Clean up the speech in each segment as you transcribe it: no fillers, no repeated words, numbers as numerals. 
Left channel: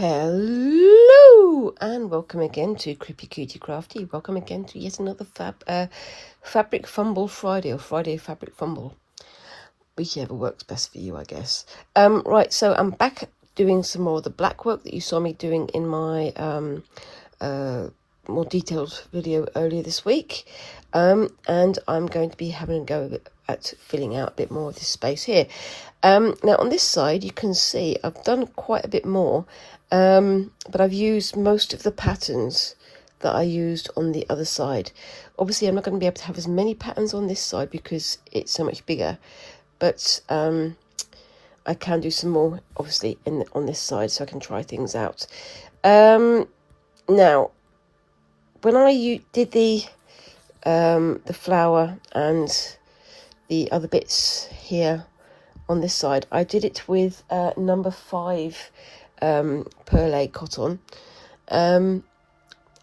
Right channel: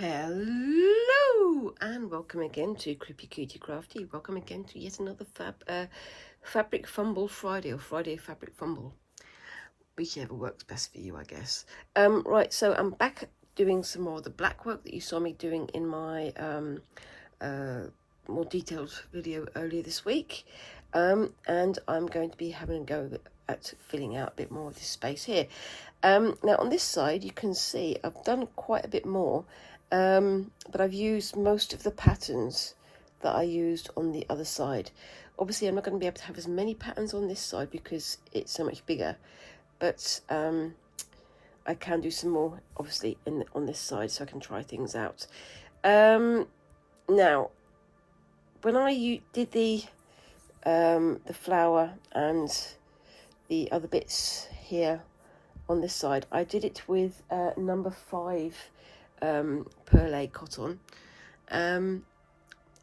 Hello and welcome again to Cutie Crafty. Welcome again to yet another Fabric Fumble Friday, or Friday Fabric Fumble, whichever works best for you, I guess. Right, so I'm back doing some more of the black work that you saw me doing in my more detailed video earlier this week, and I'm going to be having a go at filling out a bit more of this space here. Now on this side you can see I've done quite a bit more, but I've used most of the patterns that I used on the other side. Obviously I'm not going to be able to have as many patterns on this side because it's so much bigger, but I can do some more obviously on this side, so I can try things out. Now when I did the flower and the other bits here on this side, I did it with number 5 perlé cotton, and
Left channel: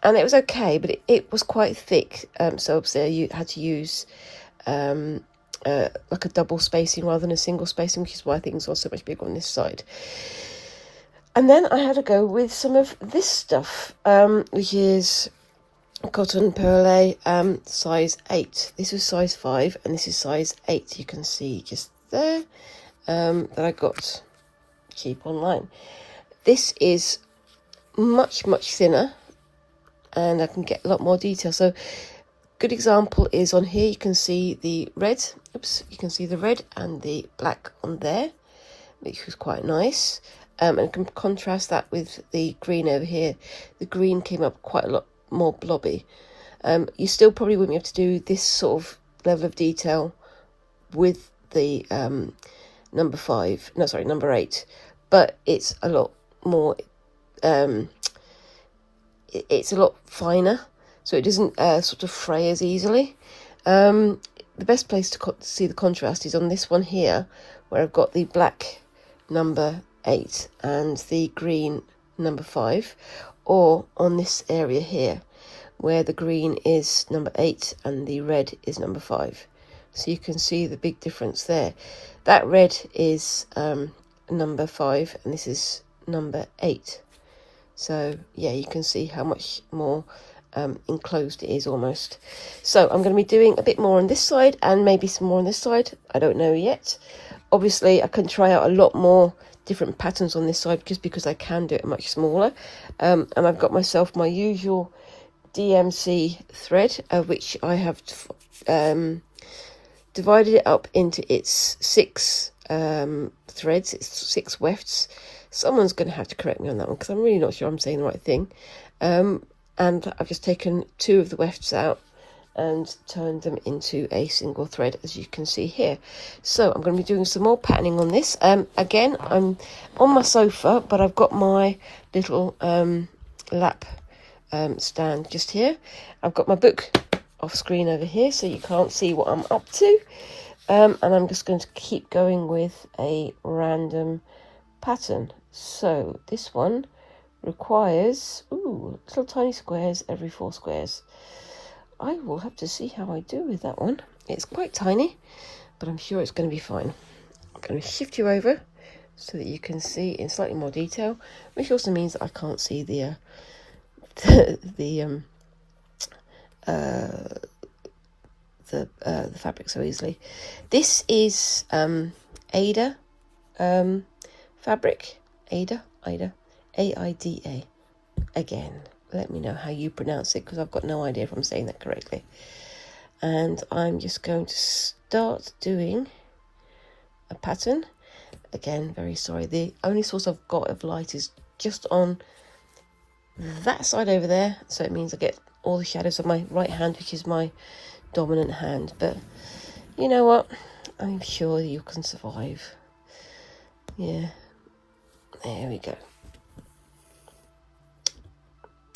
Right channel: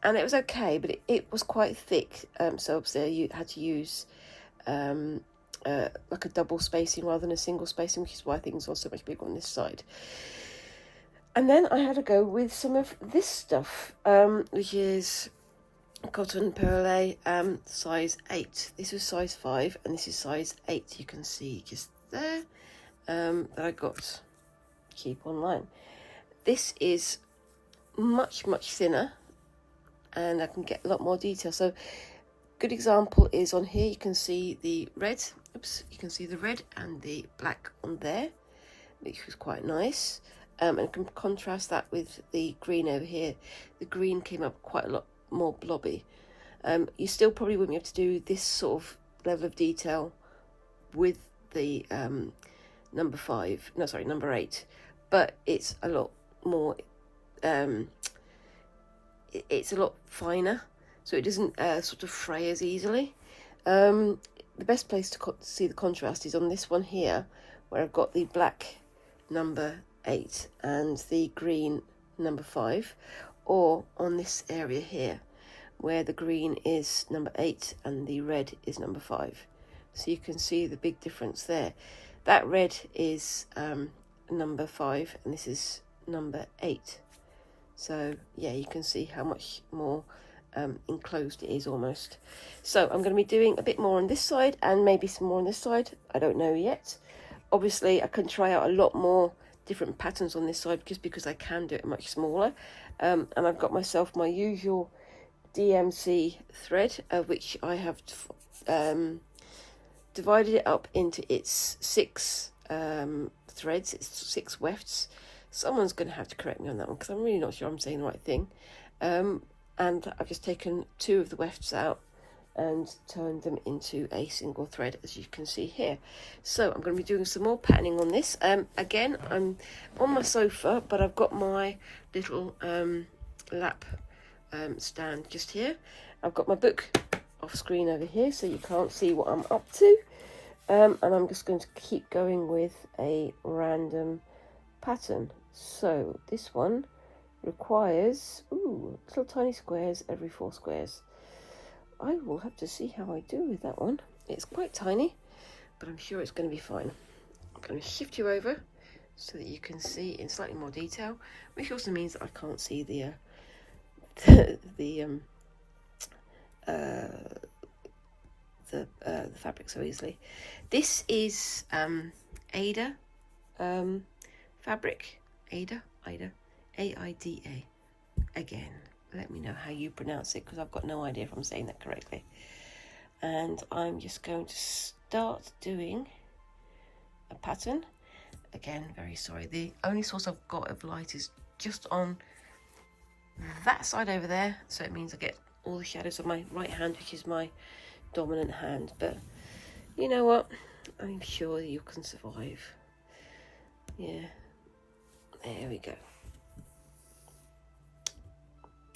it was okay, but it was quite thick, so obviously you had to use like a double spacing rather than a single spacing, which is why things are so much bigger on this side. And then I had to go with some of this stuff, which is cotton perlé, size 8. This is size 5 and this is size 8. You can see just there, that I got cheap online. This is much thinner and I can get a lot more detail. So good example is on here. You can see the red, you can see the red and the black on there, which was quite nice, and you can contrast that with the green over here. The green came up quite a lot more blobby. You still probably wouldn't be able to do this sort of level of detail with the number 8, but it's a lot more, it's a lot finer, so it doesn't sort of fray as easily. The best place to see the contrast is on this one here, where I've got the black number 8 and the green number 5, or on this area here where the green is number 8 and the red is number 5. So you can see the big difference there. That red is number 5 and this is number 8. So yeah, you can see how much more enclosed it is almost. So I'm going to be doing a bit more on this side and maybe some more on this side. I don't know yet. Obviously I can try out a lot more different patterns on this side just because I can do it much smaller, and I've got myself my usual DMC thread, which I have divided it up into its 6 threads. It's 6 wefts. Someone's going to have to correct me on that one because I'm really not sure I'm saying the right thing. And I've just taken 2 of the wefts out and turned them into a single thread, as you can see here. So I'm going to be doing some more patterning on this. Again, I'm on my sofa, but I've got my little lap stand just here. I've got my book off screen over here, so you can't see what I'm up to. And I'm just going to keep going with a random pattern. So this one requires little tiny squares every 4 squares. I will have to see how I do with that one. It's quite tiny, but I'm sure it's going to be fine. I'm going to shift you over so that you can see in slightly more detail, which also means that I can't see the fabric so easily. This is Aether fabric. Aida, A-I-D-A. Again, let me know how you pronounce it because I've got no idea if I'm saying that correctly. And I'm just going to start doing a pattern. Again, very sorry, the only source I've got of light is just on that side over there, so it means I get all the shadows of my right hand, which is my dominant hand. But you know what, I'm sure you can survive. Yeah, there we go.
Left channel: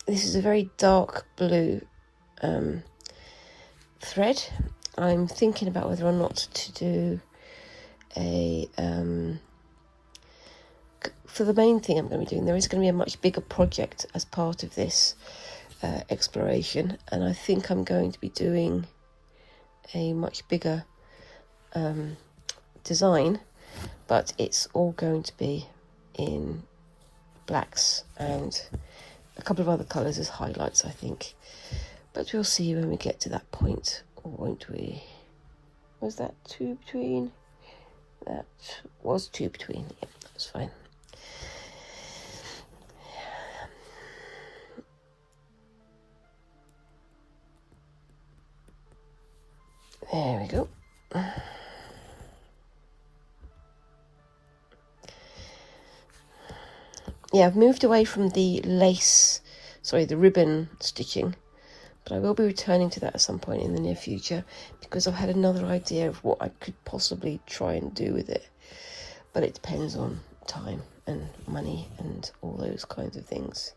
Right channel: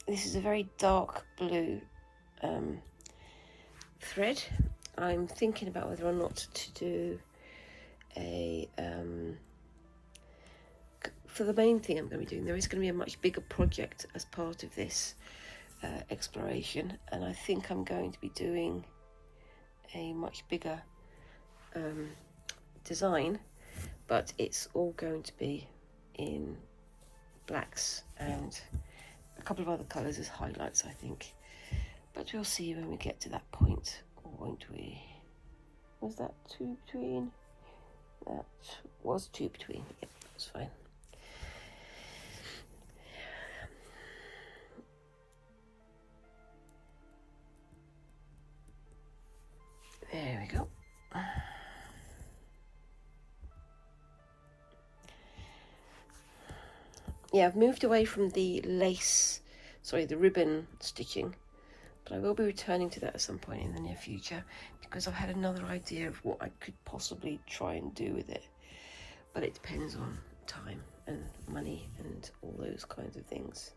This is a very dark blue thread. I'm thinking about whether or not to do a for the main thing I'm going to be doing. There is going to be a much bigger project as part of this exploration, and I think I'm going to be doing a much bigger design, but it's all going to be in blacks and a couple of other colours as highlights, I think. But we'll see when we get to that point, won't we? Was that two between? That was two between. Yeah, that's fine. There we go. Yeah, I've moved away from the the ribbon stitching, but I will be returning to that at some point in the near future because I've had another idea of what I could possibly try and do with it. But it depends on time and money and all those kinds of things.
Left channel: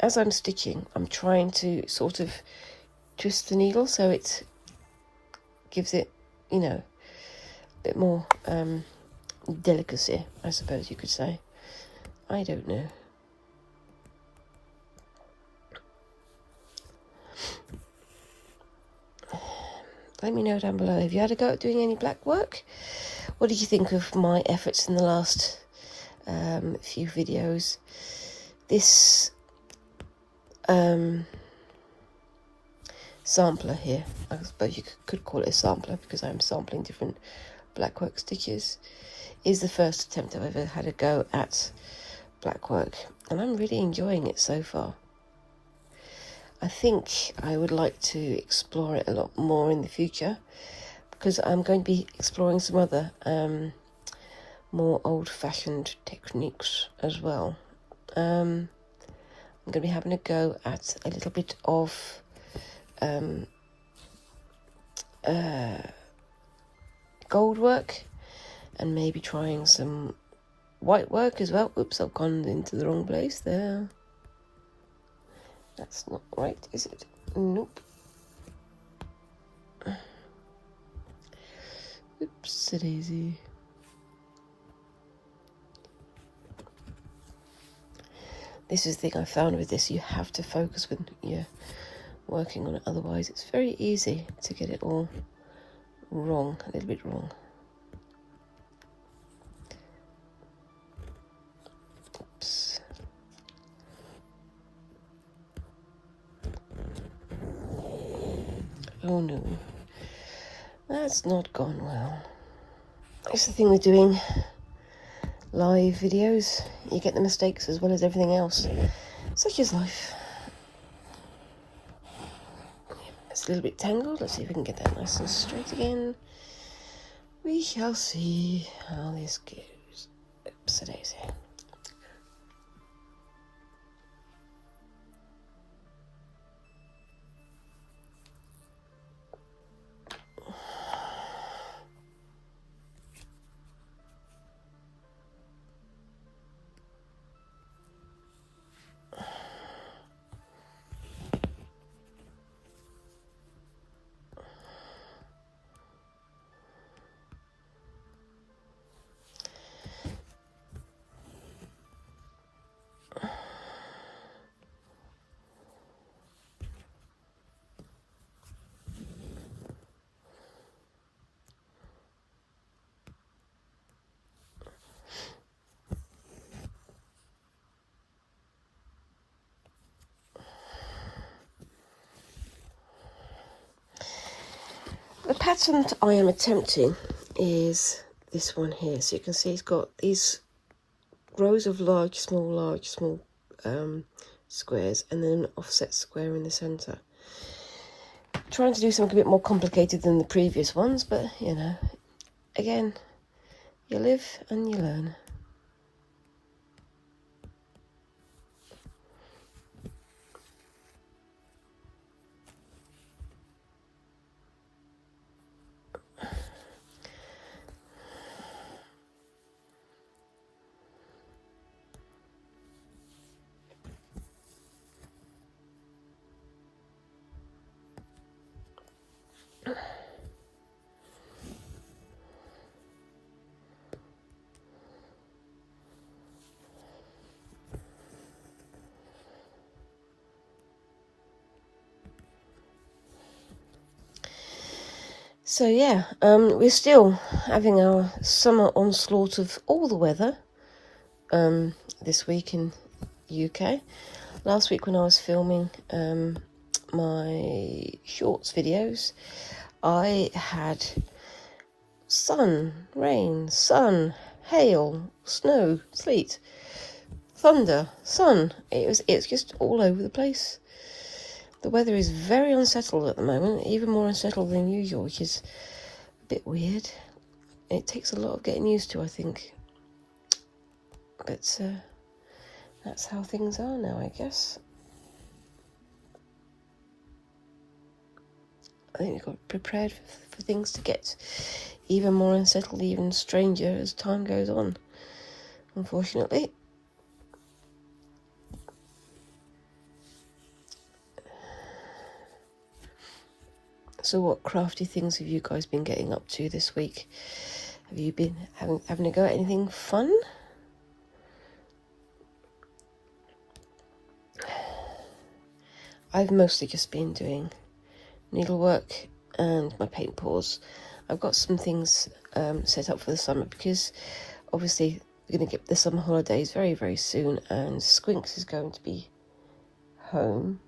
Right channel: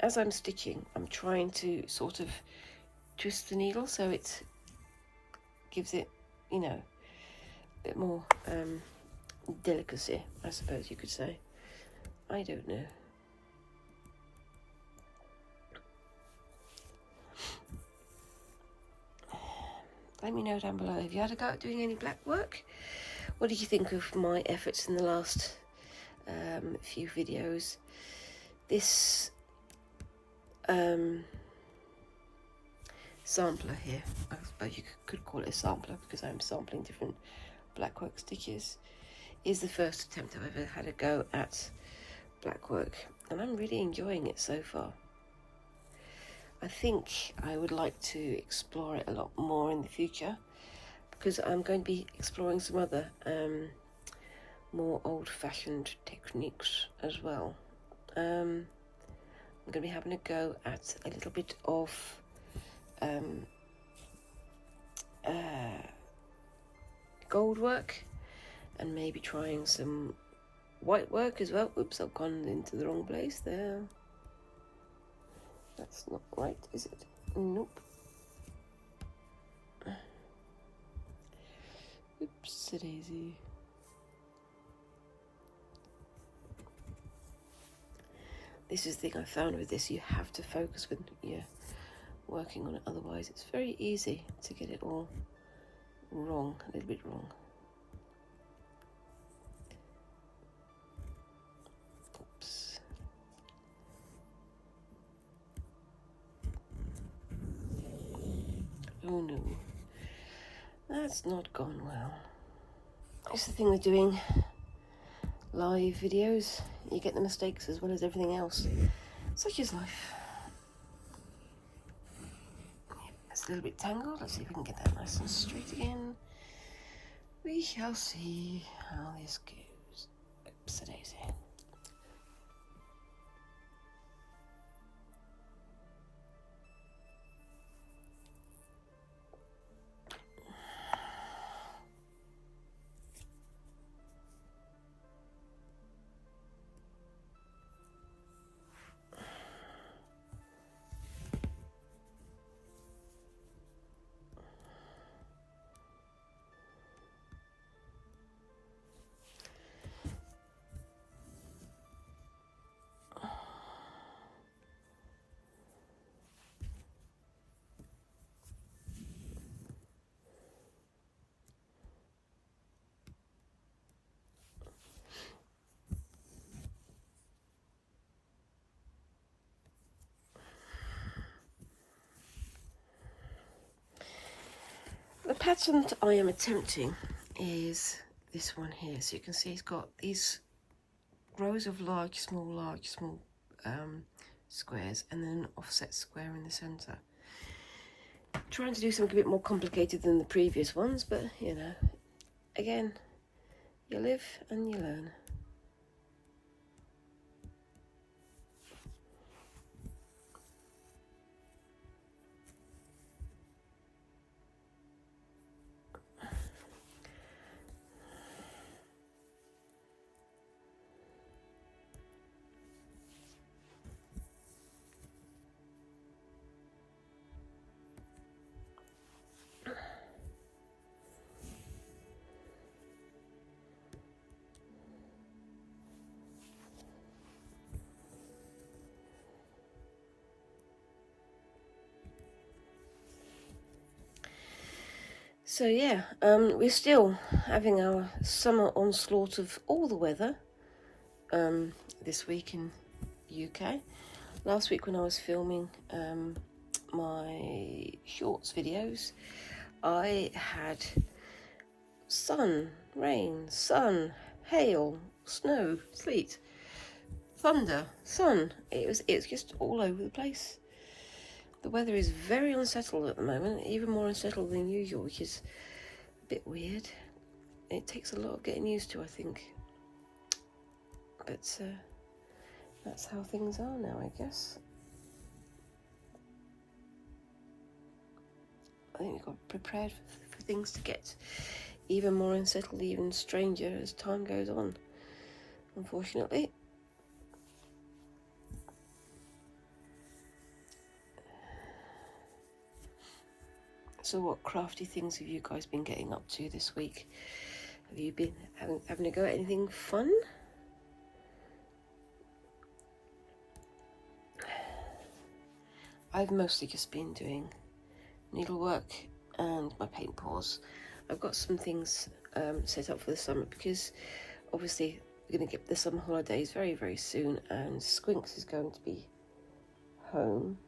As I'm stitching, I'm trying to sort of twist the needle so it gives it, you know, a bit more delicacy, I suppose you could say. I don't know. Let me know down below. Have you had a go at doing any black work? What did you think of my efforts in the last few videos? This sampler here, I suppose you could call it a sampler because I'm sampling different blackwork stitches, is the first attempt I've ever had a go at blackwork, and I'm really enjoying it so far. I think I would like to explore it a lot more in the future because I'm going to be exploring some other more old-fashioned techniques as well. I'm going to be having a go at a little bit of gold work and maybe trying some white work as well. Oops, I've gone into the wrong place there. That's not right, is it? Nope. Oops-a-daisy. This is the thing I found with this, you have to focus when you're working on it, otherwise it's very easy to get it all wrong, a little bit wrong. Oops. Oh no, that's not gone well. It's the thing with doing live videos, you get the mistakes as well as everything else. Such is life. It's a little bit tangled. Let's see if we can get that nice and straight again. We shall see how this goes. Oops-a-daisy. The pattern that I am attempting is this one here. So you can see it's got these rows of large, small squares and then an offset square in the centre. Trying to do something a bit more complicated than the previous ones, but you know, again, you live and you learn. So yeah, we're still having our summer onslaught of all the weather. this week in the UK. Last week when I was filming my shorts videos, I had sun, rain, sun, hail, snow, sleet, thunder, sun. It's just all over the place. The weather is very unsettled at the moment, even more unsettled than usual, which is a bit weird. It takes a lot of getting used to, I think. But that's how things are now, I guess. I think we've got prepared for things to get even more unsettled, even stranger as time goes on, unfortunately. So what crafty things have you guys been getting up to this week? Have you been having a go at anything fun? I've mostly just been doing needlework and my paint pours. I've got some things set up for the summer because obviously we're going to get the summer holidays very, very soon, and Squinks is going to be home.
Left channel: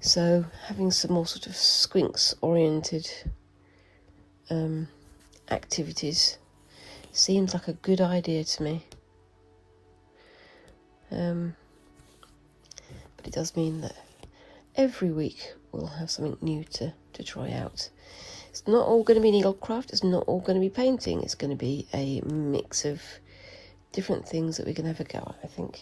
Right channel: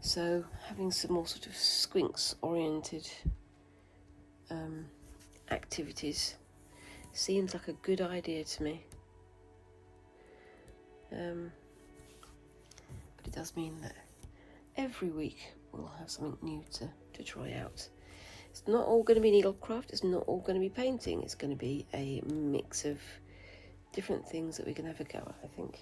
So having some more sort of Squinks oriented activities seems like a good idea to me. But it does mean that every week we'll have something new to try out. It's not all going to be needlecraft, it's not all going to be painting, it's going to be a mix of different things that we can have a go at, I think.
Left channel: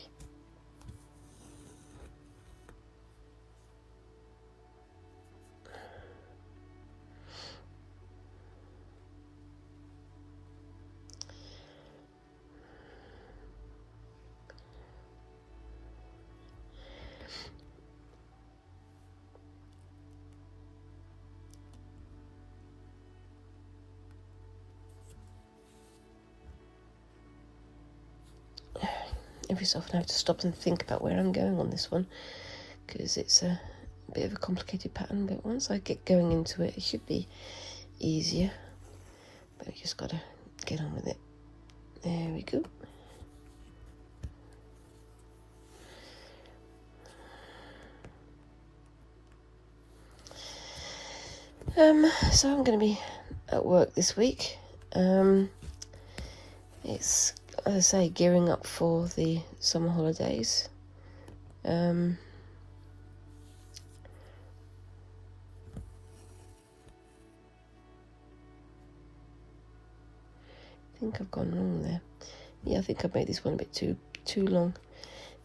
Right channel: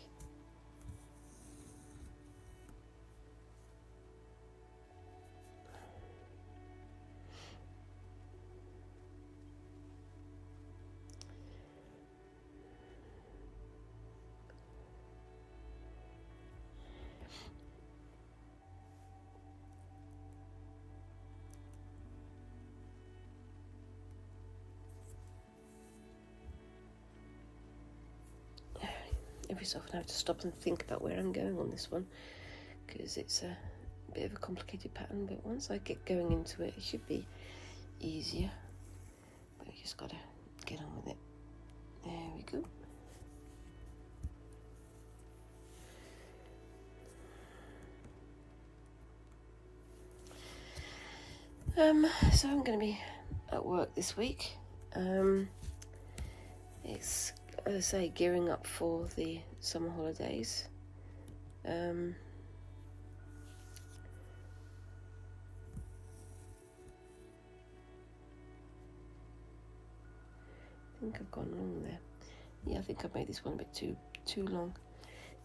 Every so often I have to stop and think about where I'm going on this one, because it's a bit of a complicated pattern, but once I get going into it, it should be easier. But I just gotta get on with it. There we go. So I'm going to be at work this week. It's, as I say, gearing up for the summer holidays. I think I've gone wrong there. Yeah, I think I've made this one a bit too long.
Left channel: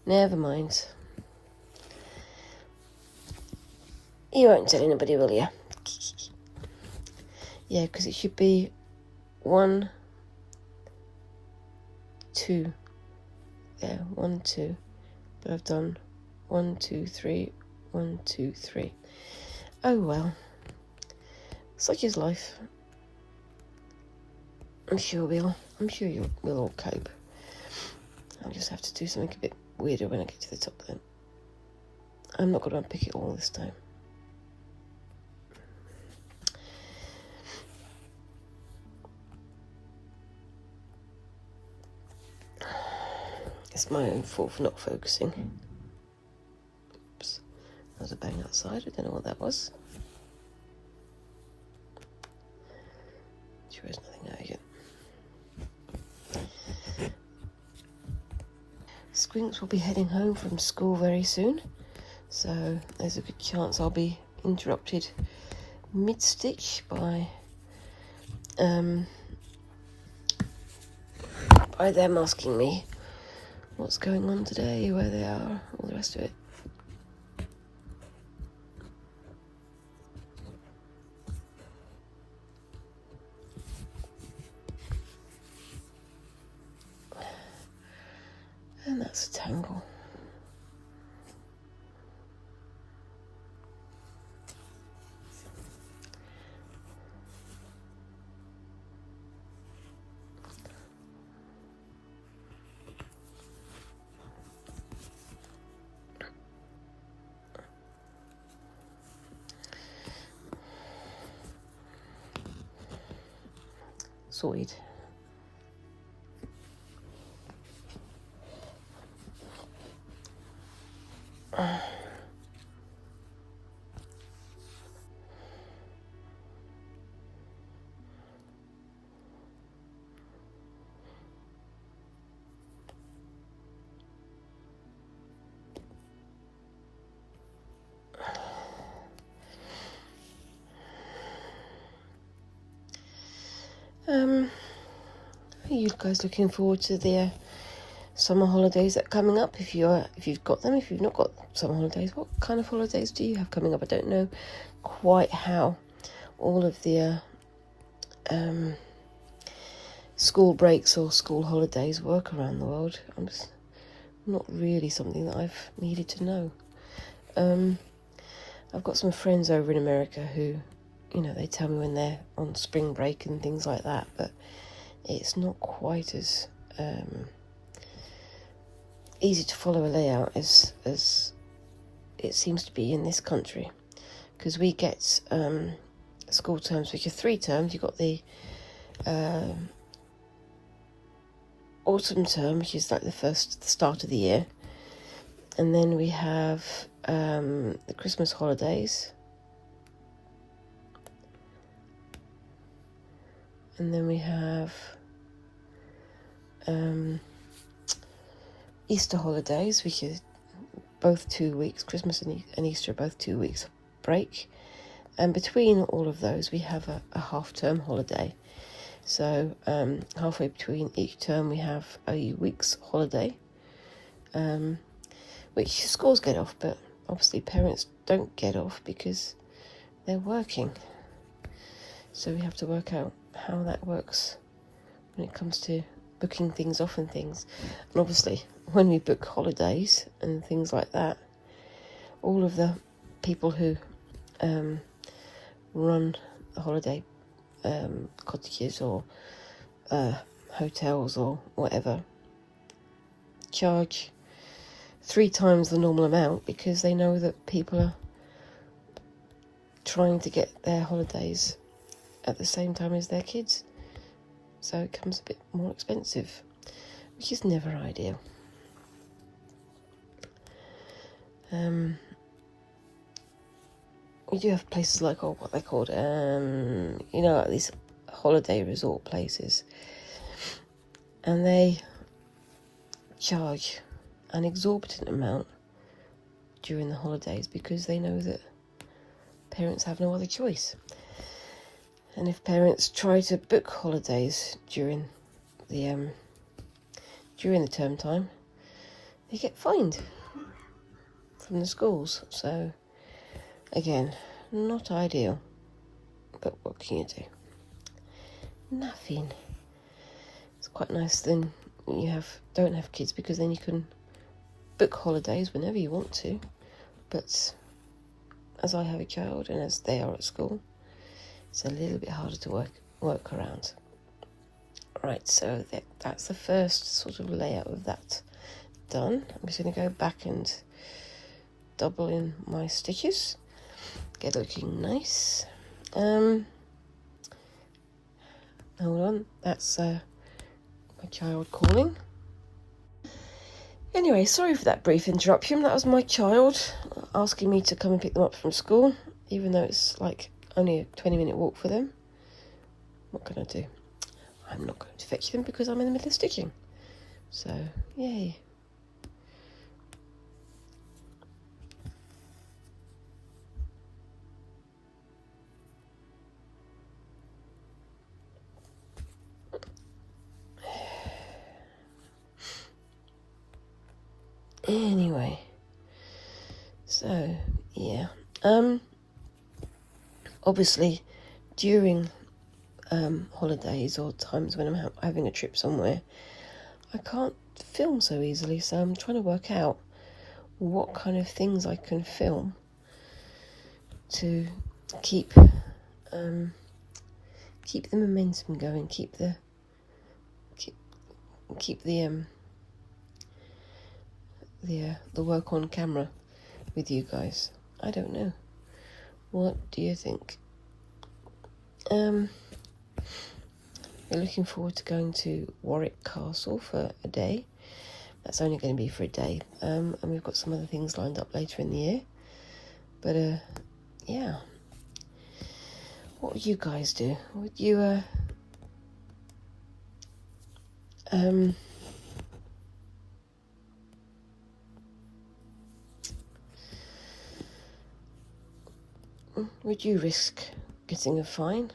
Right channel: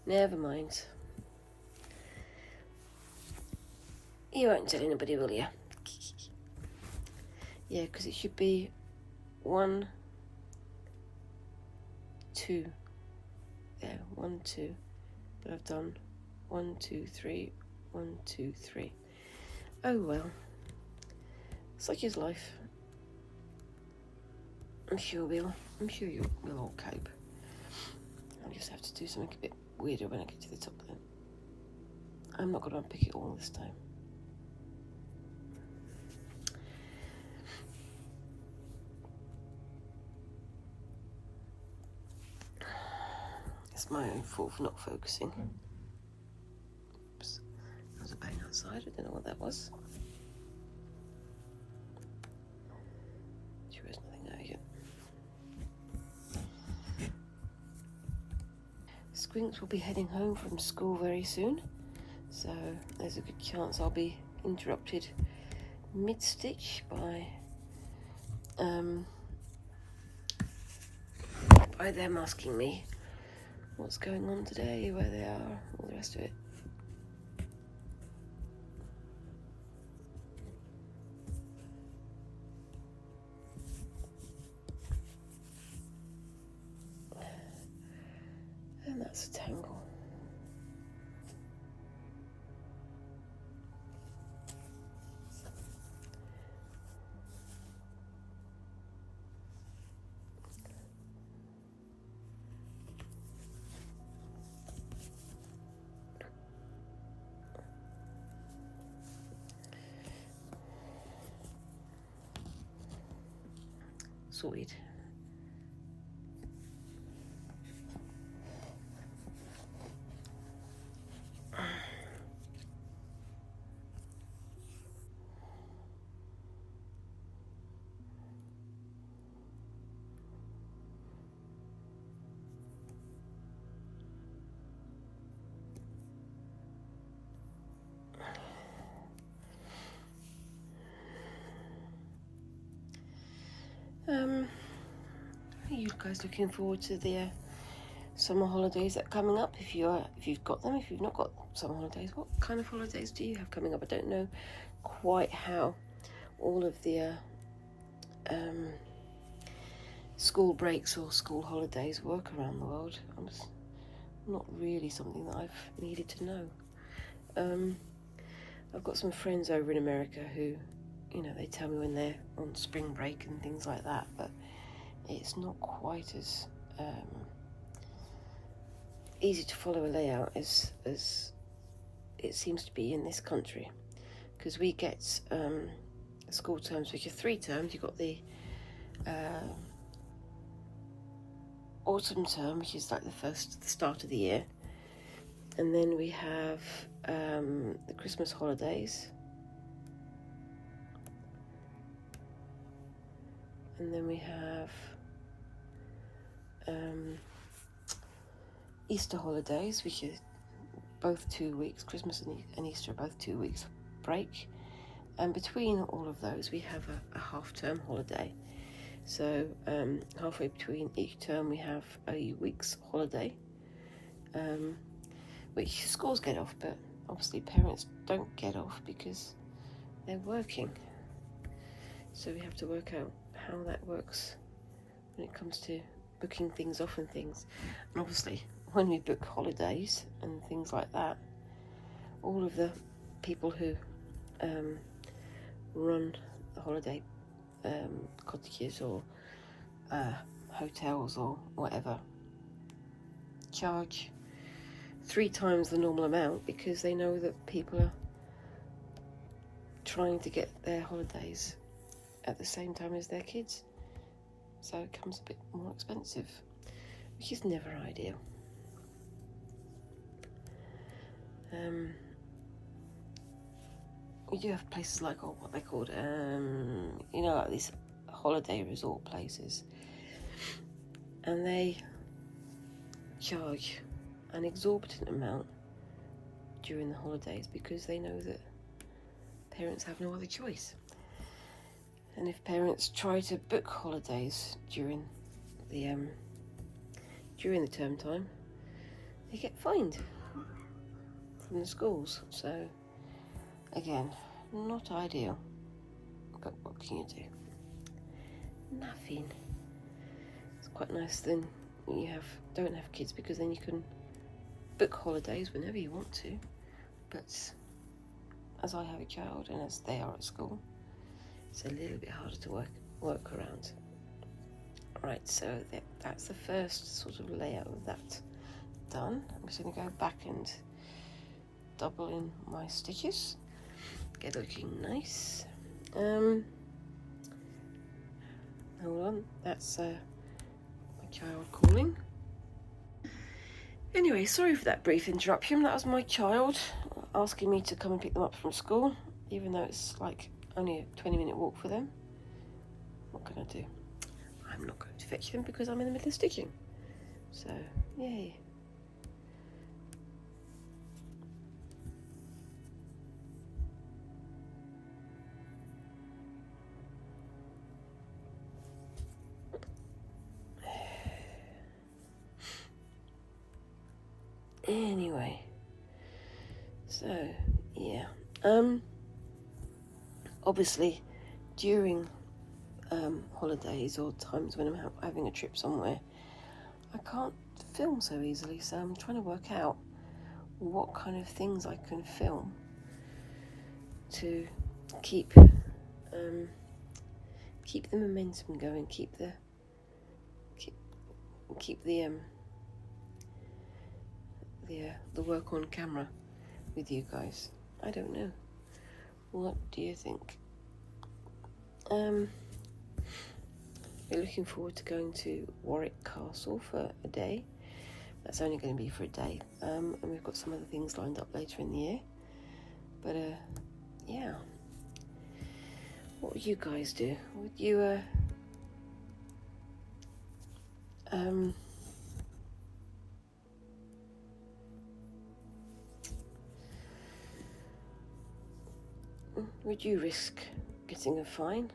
Never mind. You won't tell anybody, will you? Yeah, because it should be 1, 2. Yeah, 1, 2. But I've done 1, 2, 3, 1, 2, 3. Oh well. Such is life. I'm sure we'll all cope. I'll just have to do something a bit weirder when I get to the top then. I'm not going to unpick it all this time. It's my own fault for not focusing. Oops. That was a bang outside. I don't know what that was. Sure there's nothing out yet. Squinks will be heading home from school very soon, so there's a good chance I'll be interrupted mid-stitch by them asking me what's going on today, where they are, all the rest of it. And that's a tangle. Sorted. Are you guys looking forward to the summer holidays that are coming up? If you've got them, if you've not got summer holidays, what kind of holidays do you have coming up? I don't know quite how all of the school breaks or school holidays work around the world. It's not really something that I've needed to know. I've got some friends over in America who, they tell me when they're on spring break and things like that, but it's not quite as easy to follow a layout as it seems to be in this country, because we get school terms, which are 3 terms. You've got the autumn term, which is like the start of the year, and then we have the Christmas holidays, and then we have Easter holidays, which is both 2 weeks. Christmas and Easter are both 2 weeks break, and between all of those we have a half-term holiday. So halfway between each term we have a week's holiday, which schools get off, but obviously parents don't get off because they're working. So we have to work out how that works when it comes to booking things off and things. And obviously when we book holidays and things like that, all of the people who run the holiday cottages or hotels or whatever charge 3 times the normal amount, because they know that people are trying to get their holidays at the same time as their kids, so it becomes a bit more expensive, which is never ideal. We do have places like, what they're called, like these holiday resort places, and they charge an exorbitant amount during the holidays because they know that parents have no other choice. And if parents try to book holidays during the term time, they get fined from the schools. So again, not ideal, but what can you do? Nothing. It's quite nice then you don't have kids, because then you can book holidays whenever you want to. But as I have a child and as they are at school, it's a little bit harder to work around. Right, so that's the first sort of layout of that done. I'm just going to go back and double in my stitches, get it looking nice. Hold on, that's my child calling. Anyway, sorry for that brief interruption. That was my child asking me to come and pick them up from school, even though it's like only a 20-minute walk for them. What can I do? I'm not going to fetch them because I'm in the middle of stitching. So, yay. Anyway, so yeah, obviously during holidays or times when I'm having a trip somewhere, I can't film so easily, so I'm trying to work out what kind of things I can film to keep the momentum going, keep the work on camera with you guys. I don't know. What do you think? We're looking forward to going to Warwick Castle for a day. That's only going to be for a day. And we've got some other things lined up later in the year. But yeah. What would you guys do? Would you would you risk getting a fine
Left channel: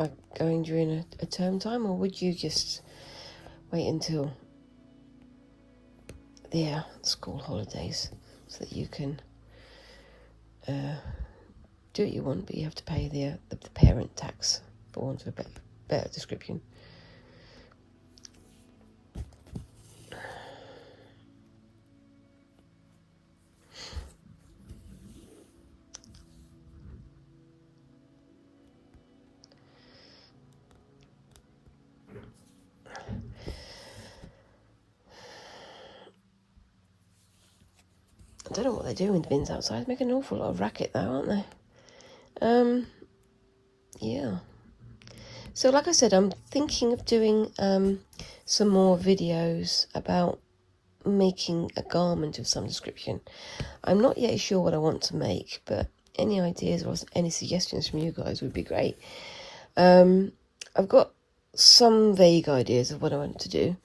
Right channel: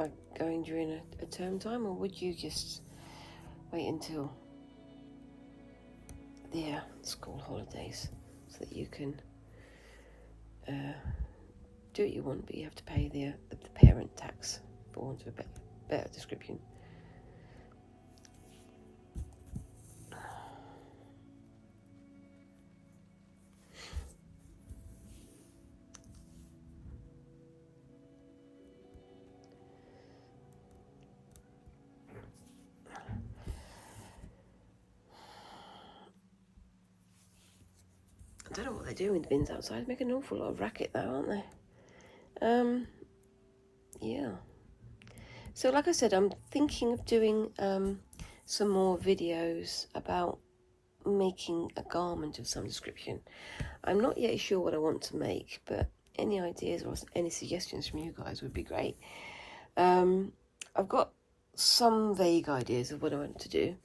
are going during a term time, or would you just wait until the school holidays so that you can do what you want, but you have to pay the parent tax, for want of a better description? I don't know what they're doing with the bins outside. They're making an awful lot of racket though, aren't they? Yeah. So like I said, I'm thinking of doing some more videos about making a garment of some description. I'm not yet sure what I want to make, but any ideas or any suggestions from you guys would be great. I've got some vague ideas of what I want to do,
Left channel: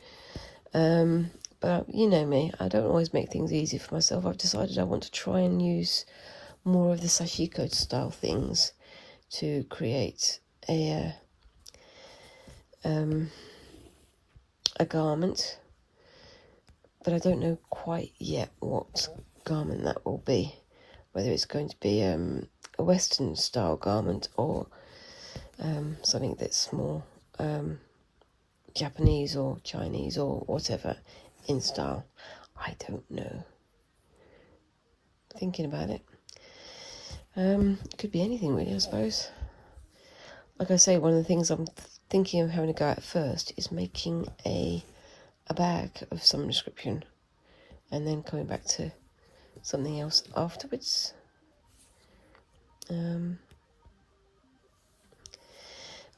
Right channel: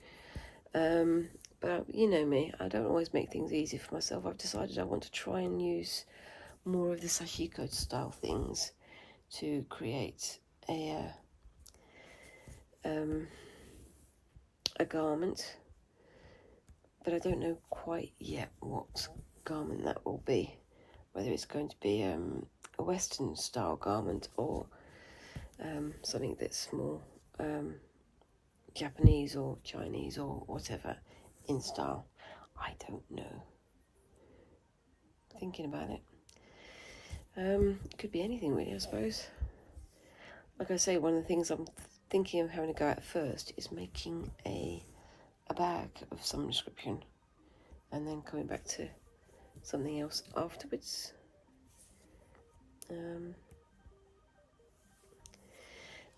but you know me, I don't always make things easy for myself. I've decided I want to try and use more of the sashiko style things to create a garment, but I don't know quite yet what garment that will be, whether it's going to be a Western style garment or something that's more Japanese or Chinese or whatever in style. I don't know. Thinking about it. It could be anything really, I suppose. Like I say, one of the things I'm thinking of having a go at first is making a bag of some description and then coming back to something else afterwards. I'm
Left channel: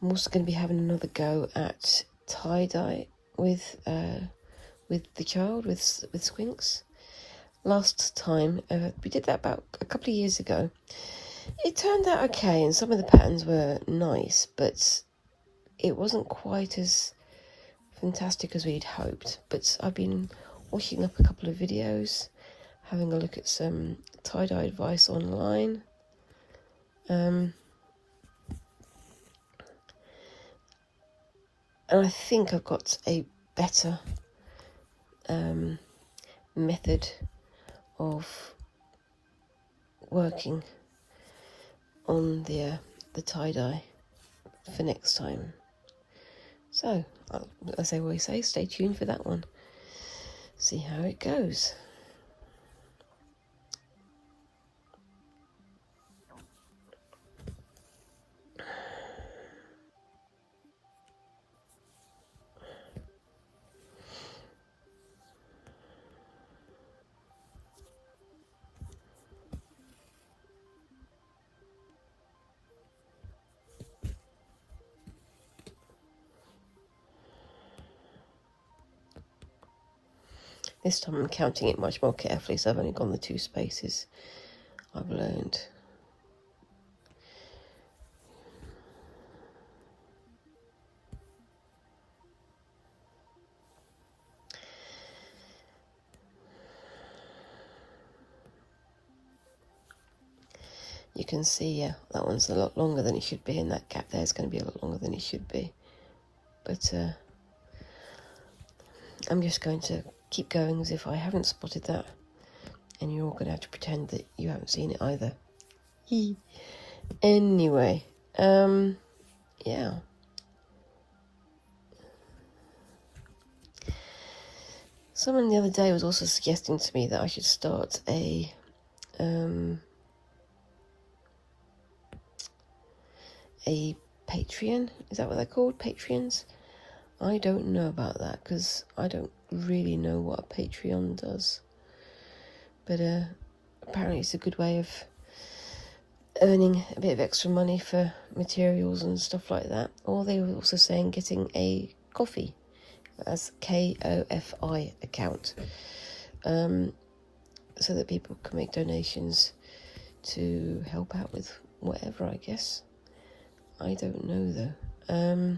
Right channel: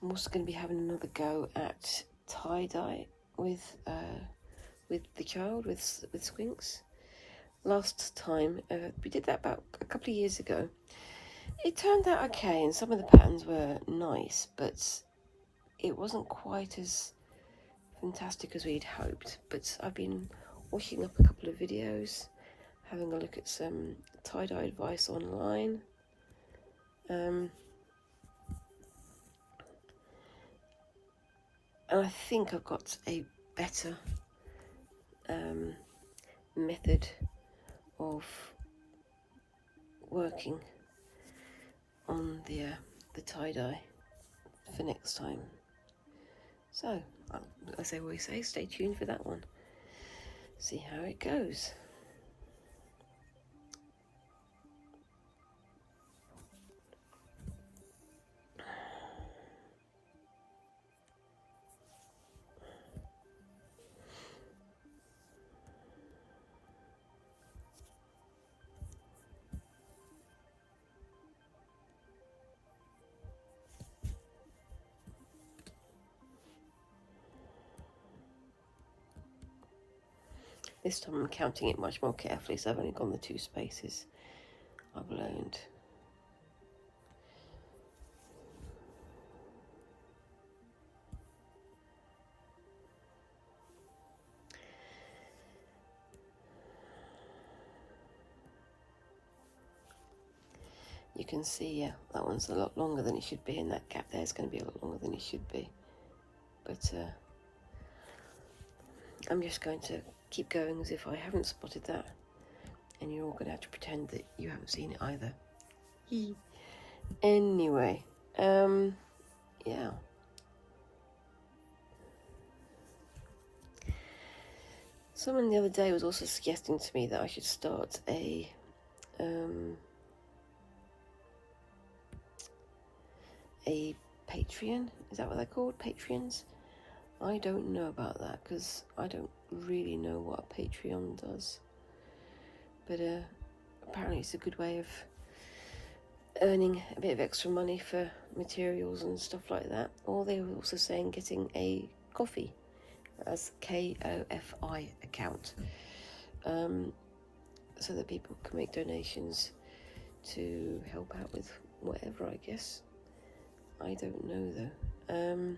also going to be having another go at tie-dye with the child, with Squinks. Last time, we did that about a couple of years ago. It turned out okay, and some of the patterns were nice, but it wasn't quite as fantastic as we'd hoped. But I've been watching up a couple of videos, having a look at some tie-dye advice online. And I think I've got a better method of working on the tie-dye for next time. So, as I always say, stay tuned for that one. See how it goes. This time I'm counting it much more carefully, so I've only gone the 2 spaces. I've learned. You can see, yeah, that one's a lot longer than it should be, and that gap there is going to be a lot longer than it should be. But I'm just going to keep going as if I haven't spotted that, and you're all going to have to pretend that you haven't seen it either. Anyway, yeah. Someone the other day was also suggesting to me that I should start a Patreon. Is that what they're called? Patreons? I don't know about that, because I don't really know what a Patreon does. But apparently it's a good way of earning a bit of extra money for materials and stuff like that. Or they were also saying getting a Ko-fi, as K-O-F-I account, so that people can make donations to help out with whatever, I guess. I don't know though.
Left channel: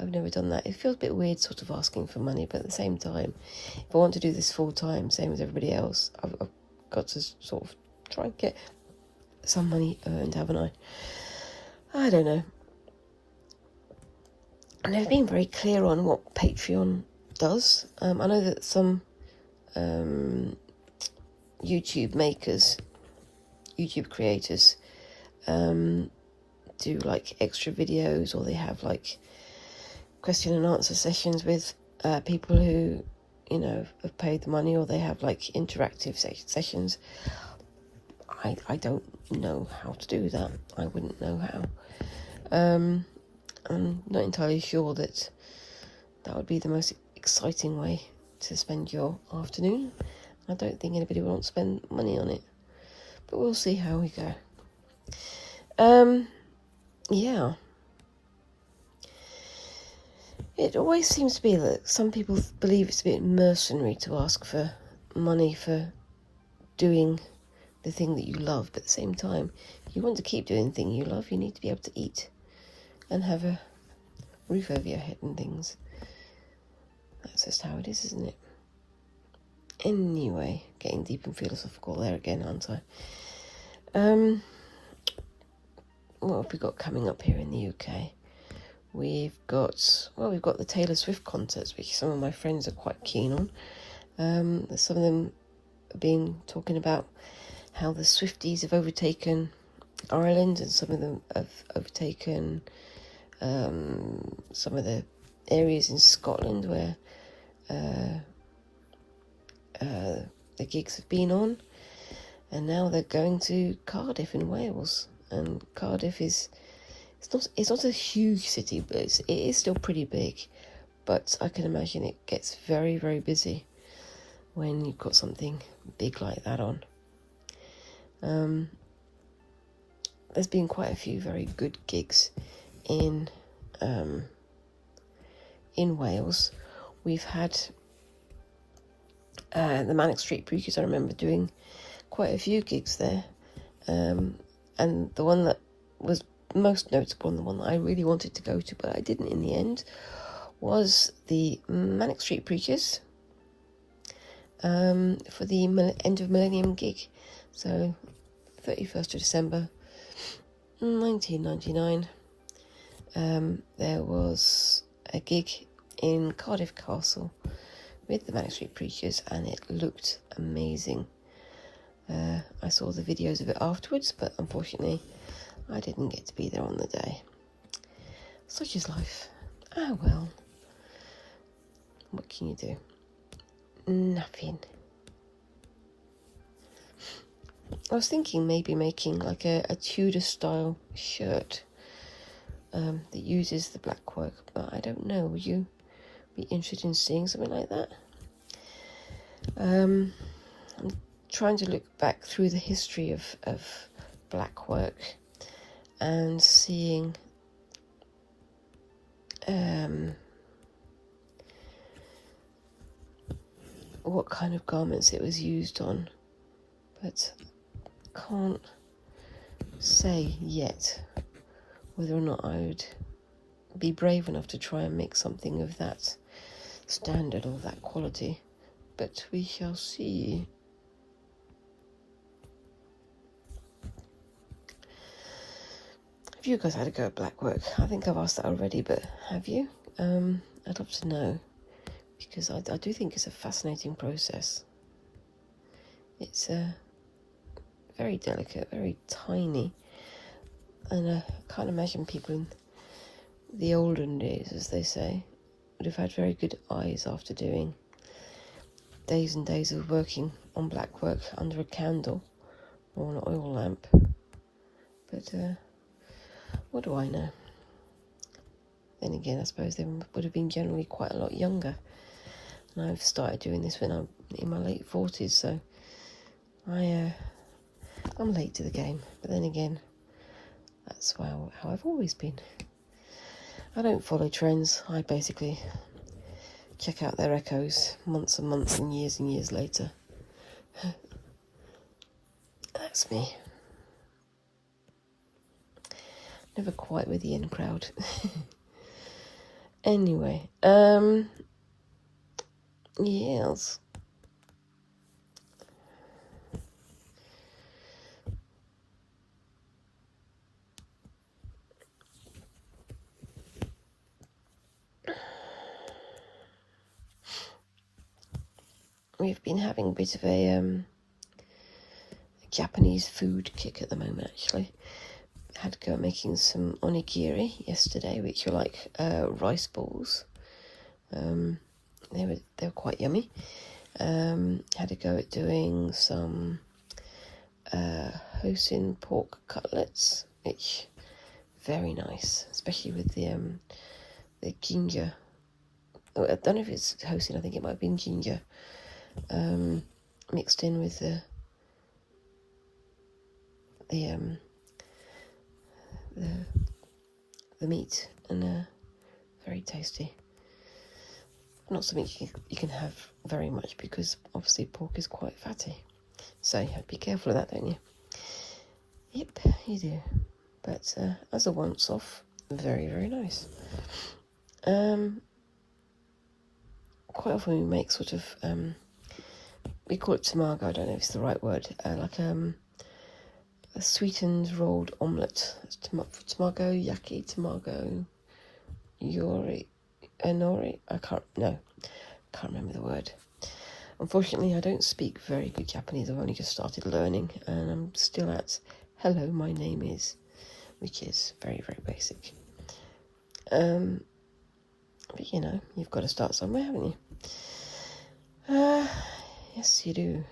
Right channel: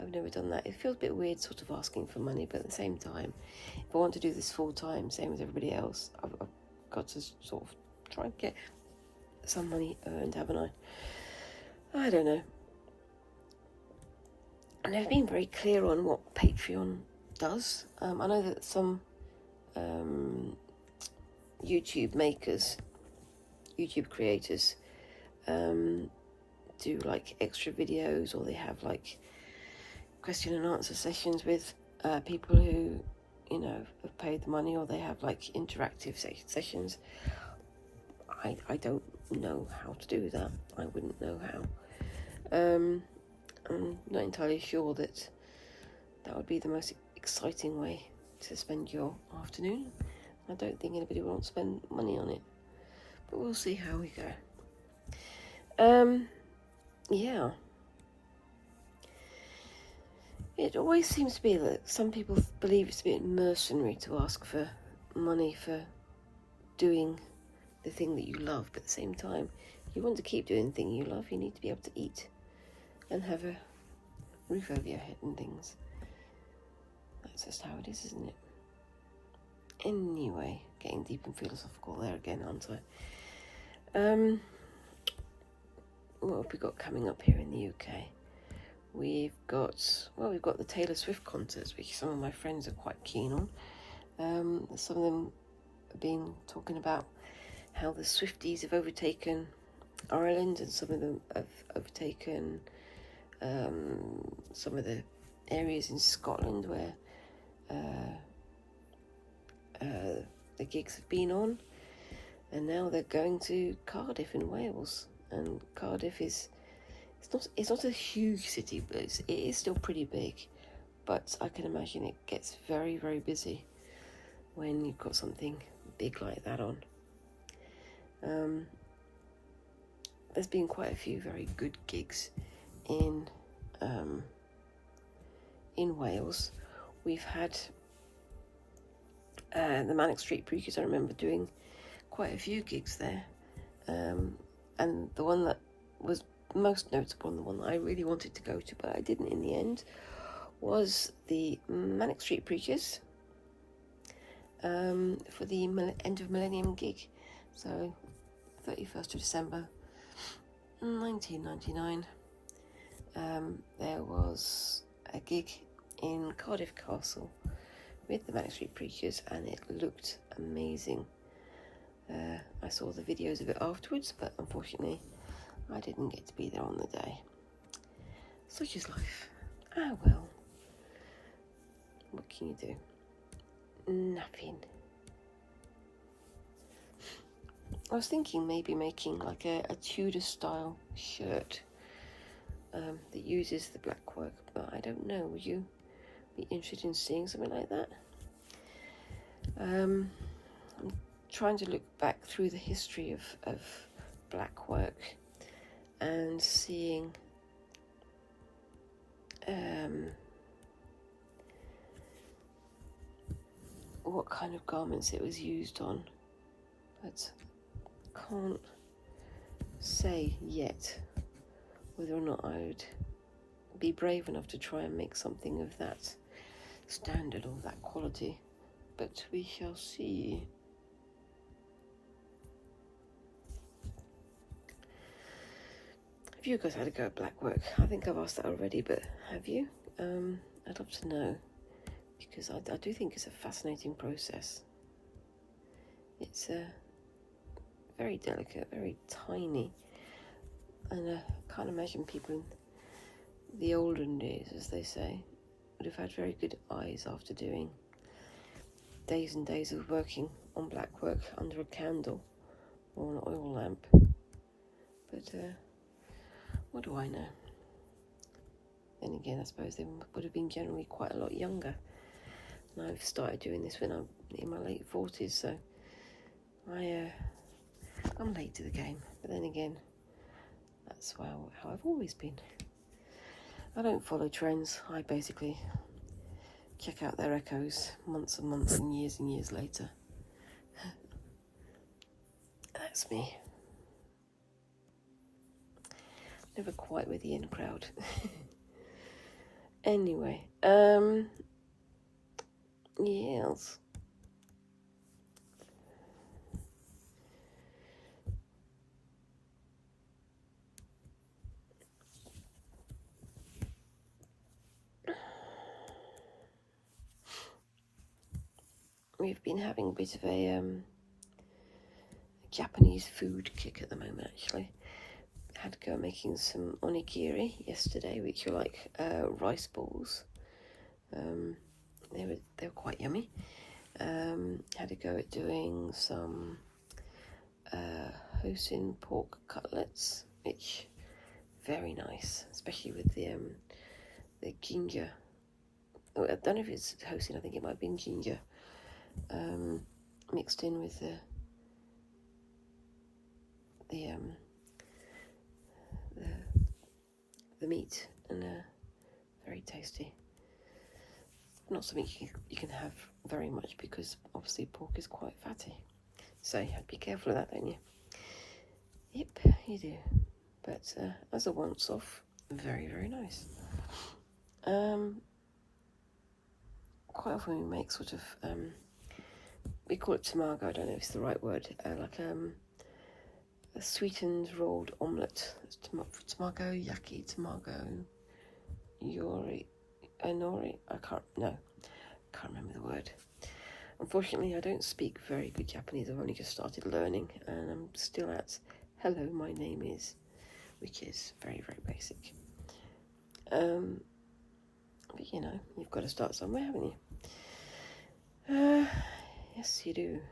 I've never done that. It feels a bit weird sort of asking for money, but at the same time, if I want to do this full time, same as everybody else, I've got to sort of try and get some money earned, haven't I? I don't know. And they've been very clear on what Patreon does. I know that some YouTube creators, do like extra videos, or they have like question and answer sessions with people who, you know, have paid the money, or they have like interactive sessions. I don't know how to do that. I wouldn't know how. I'm not entirely sure that would be the most exciting way to spend your afternoon. I don't think anybody will want to spend money on it, but we'll see how we go. Yeah. It always seems to be that some people believe it's a bit mercenary to ask for money for doing the thing that you love, but at the same time, if you want to keep doing the thing you love, you need to be able to eat and have a roof over your head and things. That's just how it is, isn't it? Anyway, getting deep and philosophical there again, aren't I? What have we got coming up here in the UK? We've got the Taylor Swift concerts, which some of my friends are quite keen on. Some of them have been talking about how the Swifties have overtaken Ireland, and some of them have overtaken some of the areas in Scotland where the gigs have been on, and now they're going to Cardiff in Wales. And Cardiff it's not a huge city, but it is still pretty big. But I can imagine it gets very, very busy when you've got something big like that on. There's been quite a few very good gigs in Wales. We've had the Manic Street Preachers. I remember doing quite a few gigs there, and the one that was most notable, and the one that I really wanted to go to but I didn't in the end, was the Manic Street Preachers for the end of millennium gig. So 31st of December 1999, there was a gig in Cardiff Castle with the Manic Street Preachers, and it looked amazing. I saw the videos of it afterwards, but unfortunately I didn't get to be there on the day. Such is life. Ah well, what can you do? Nothing. I was thinking maybe making like a Tudor style shirt that uses the Blackwork, but I don't know. Would you be interested in seeing something like that? I'm trying to look back through the history of Blackwork and seeing what kind of garments it was used on, but can't say yet whether or not I would be brave enough to try and make something of that standard or that quality, but we shall see. Have you guys had a go at Blackwork? I think I've asked that already, but have you? I'd love to know, because I do think it's a fascinating process. It's very delicate, very tiny, and I can't imagine people in the olden days, as they say, would have had very good eyes after doing days and days of working on Blackwork under a candle or an oil lamp. But what do I know? Then again, I suppose they would have been generally quite a lot younger. And I've started doing this when I'm in my late 40s, so I'm late to the game. But then again, that's how I've always been. I don't follow trends. I basically check out their echoes months and months and years later. That's me. Never quite with the in crowd. Anyway, yes. we've been having a bit of a Japanese food kick at the moment, actually. Had to go making some onigiri yesterday, which are like rice balls. They were quite yummy. Had to go at doing some Hosin pork cutlets, which very nice, especially with the ginger. Oh, I don't know if it's Hosin. I think it might have been ginger mixed in with the meat, and very tasty. Not something you can have very much because obviously pork is quite fatty. So you have to be careful of that, don't you? Yep, you do. But as a once-off, very, very nice. Quite often we make sort of, we call it tamago, I don't know if it's the right word, like a sweetened rolled omelette. It's tamago, yaki, tamago, yori, enori. I can't remember the word. Unfortunately, I don't speak very good Japanese. I've only just started learning, and I'm still at hello, my name is, which is very, very basic. But you know, you've got to start somewhere, haven't you? Yes, you do.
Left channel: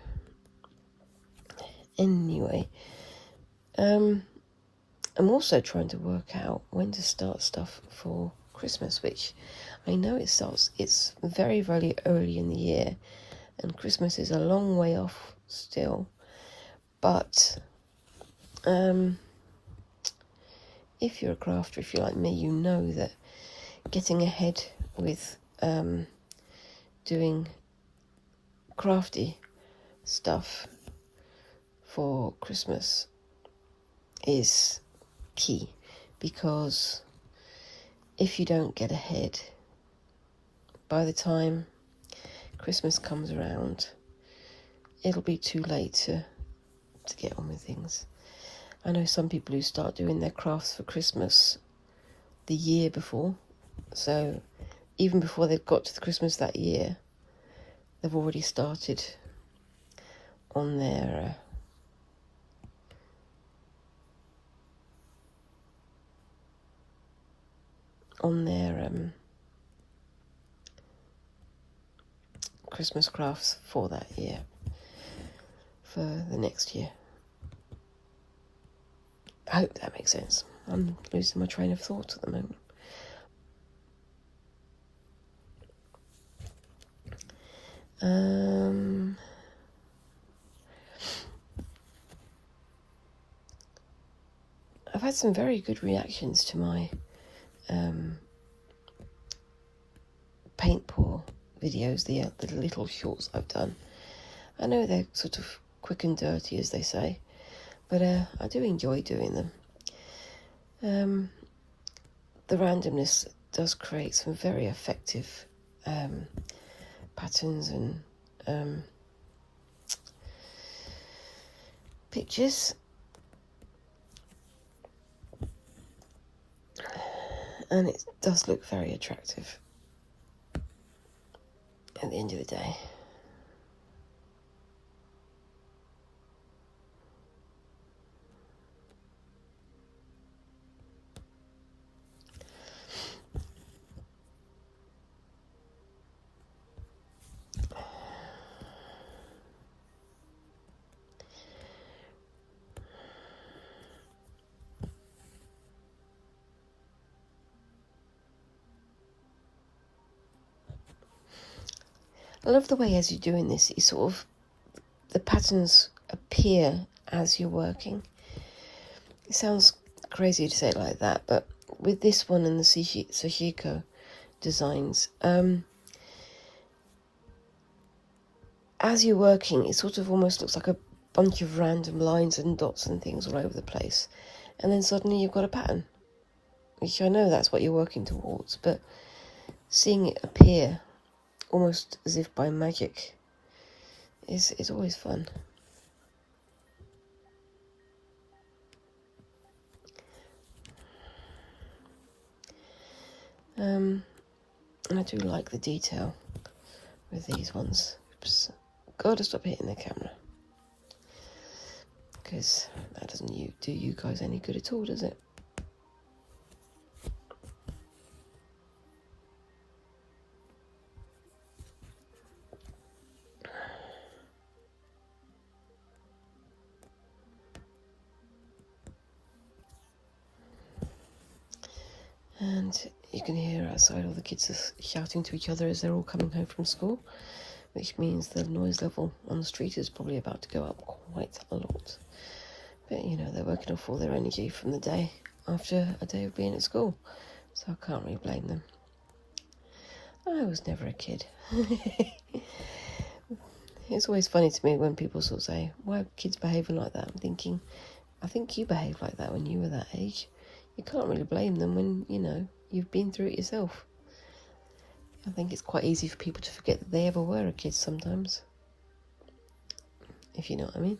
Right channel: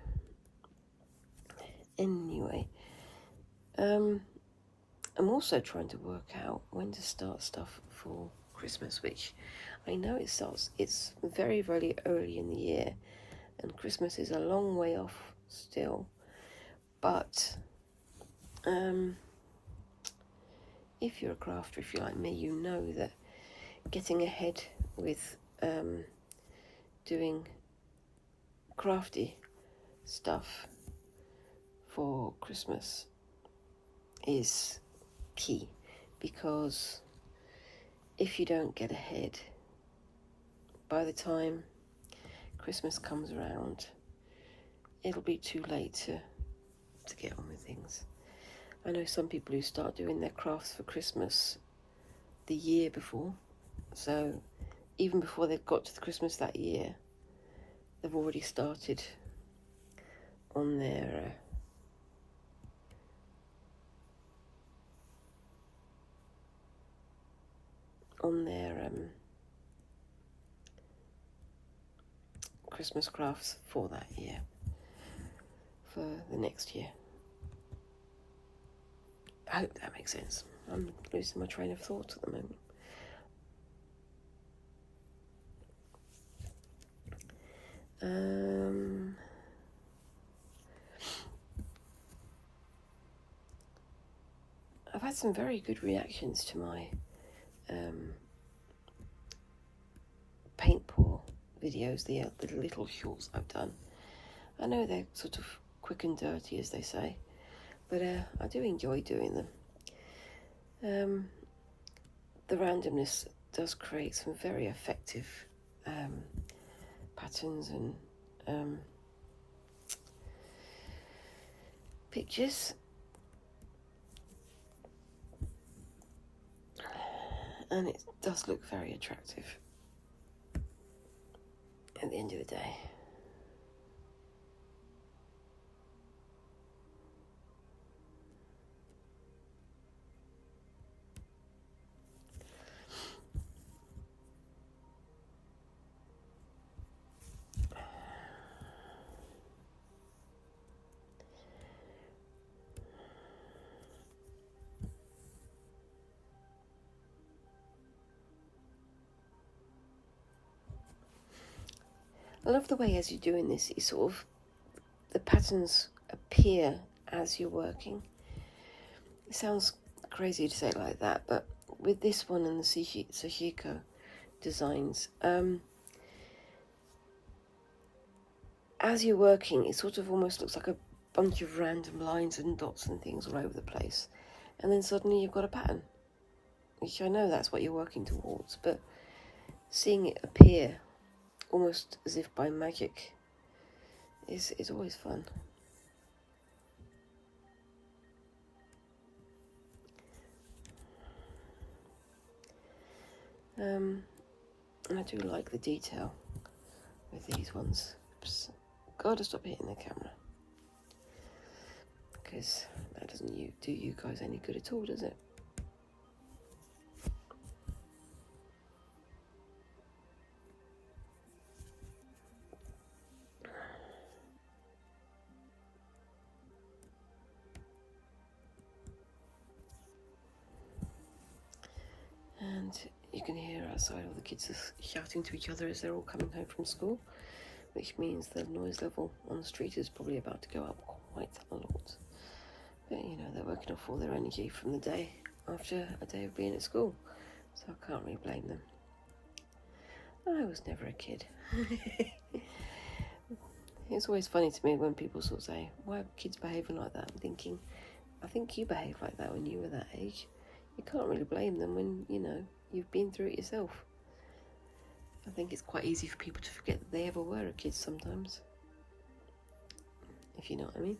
Anyway, I'm also trying to work out when to start stuff for Christmas, which I know it's very, very early in the year, and Christmas is a long way off still. But if you're a crafter, if you're like me, you know that getting ahead with doing crafty stuff for Christmas is key, because if you don't get ahead, by the time Christmas comes around, it'll be too late to get on with things. I know some people who start doing their crafts for Christmas the year before, so even before they've got to the Christmas that year, they've already started on their Christmas crafts for that year, for the next year. I hope that makes sense. I'm losing my train of thought at the moment. I've had some very good reactions to my paint pour videos, the little shorts I've done. I know they're sort of quick and dirty, as they say, but I do enjoy doing them. The randomness does create some very effective patterns and pictures, and it does look very attractive at the end of the day. I love the way as you're doing this, you sort of, the patterns appear as you're working. It sounds crazy to say it like that, but with this one and the Sashiko designs, as you're working, it sort of almost looks like a bunch of random lines and dots and things all over the place, and then suddenly you've got a pattern, which I know that's what you're working towards, but seeing it appear almost as if by magic is always fun. And I do like the detail with these ones. Oops, Gotta stop hitting the camera. Because that doesn't do you guys any good at all, does it? And you can hear outside all the kids are shouting to each other as they're all coming home from school, which means the noise level on the street is probably about to go up quite a lot. But you know, they're working off all their energy from the day after a day of being at school, so I can't really blame them. I was never a kid. It's always funny to me when people sort of say, why are kids behaving like that? I'm thinking, I think you behaved like that when you were that age. You can't really blame them when, you know, you've been through it yourself. I think it's quite easy for people to forget that they ever were a kid sometimes, if you know what I mean.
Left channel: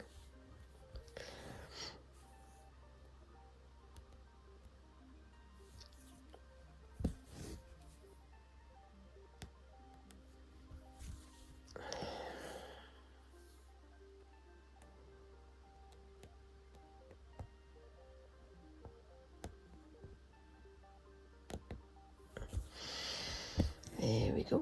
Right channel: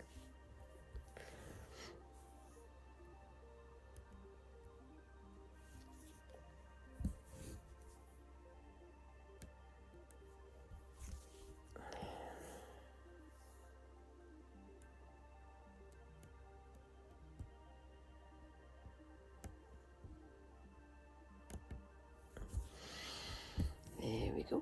There we go.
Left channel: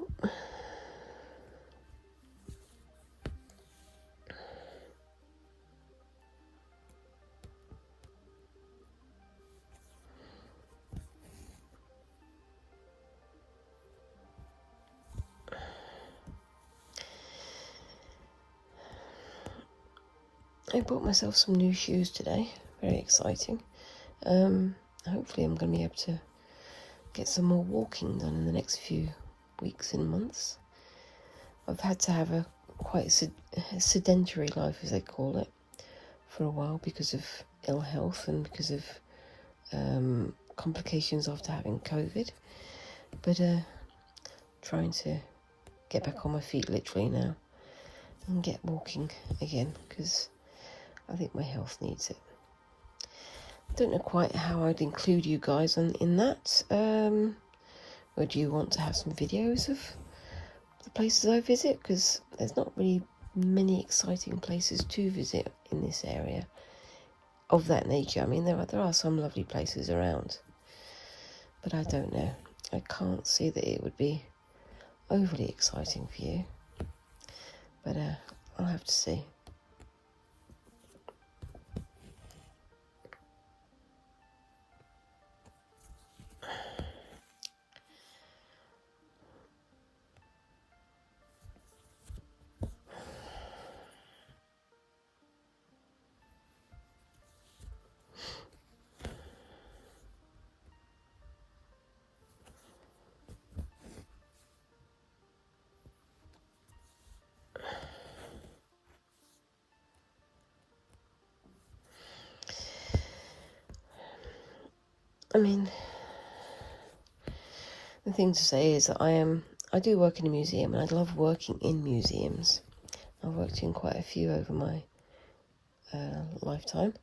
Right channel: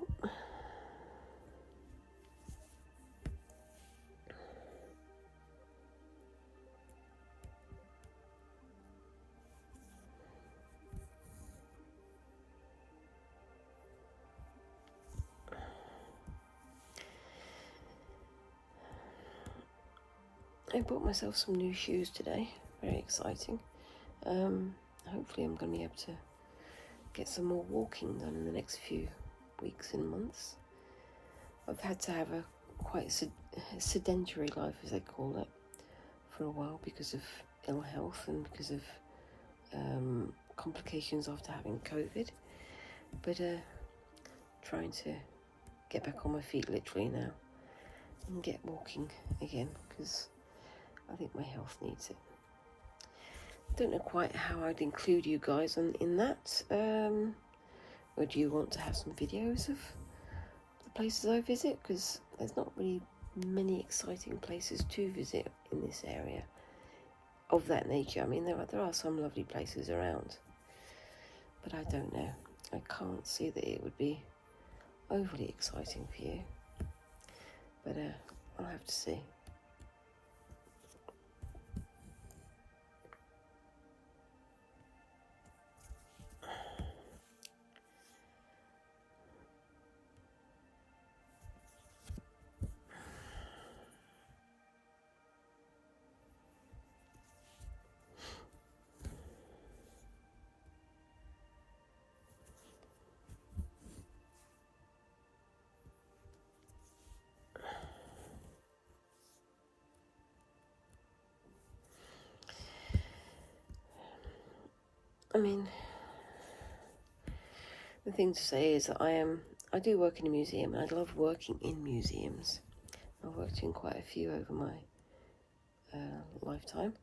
I bought myself some new shoes today, very exciting. Hopefully I'm going to be able to get some more walking done in the next few weeks and months. I've had to have a quite sedentary life, as they call it, for a while because of ill health and because of complications after having COVID. But trying to get back on my feet literally now and get walking again because I think my health needs it. Don't know quite how I'd include you guys in that. Or do you want to have some videos of the places I visit? Because there's not really many exciting places to visit in this area of that nature. I mean, there are some lovely places around, but I don't know. I can't see that it would be overly exciting for you, but I'll have to see. I mean, the thing to say is that I do work in a museum and I love working in museums. I've worked in quite a few over my lifetime,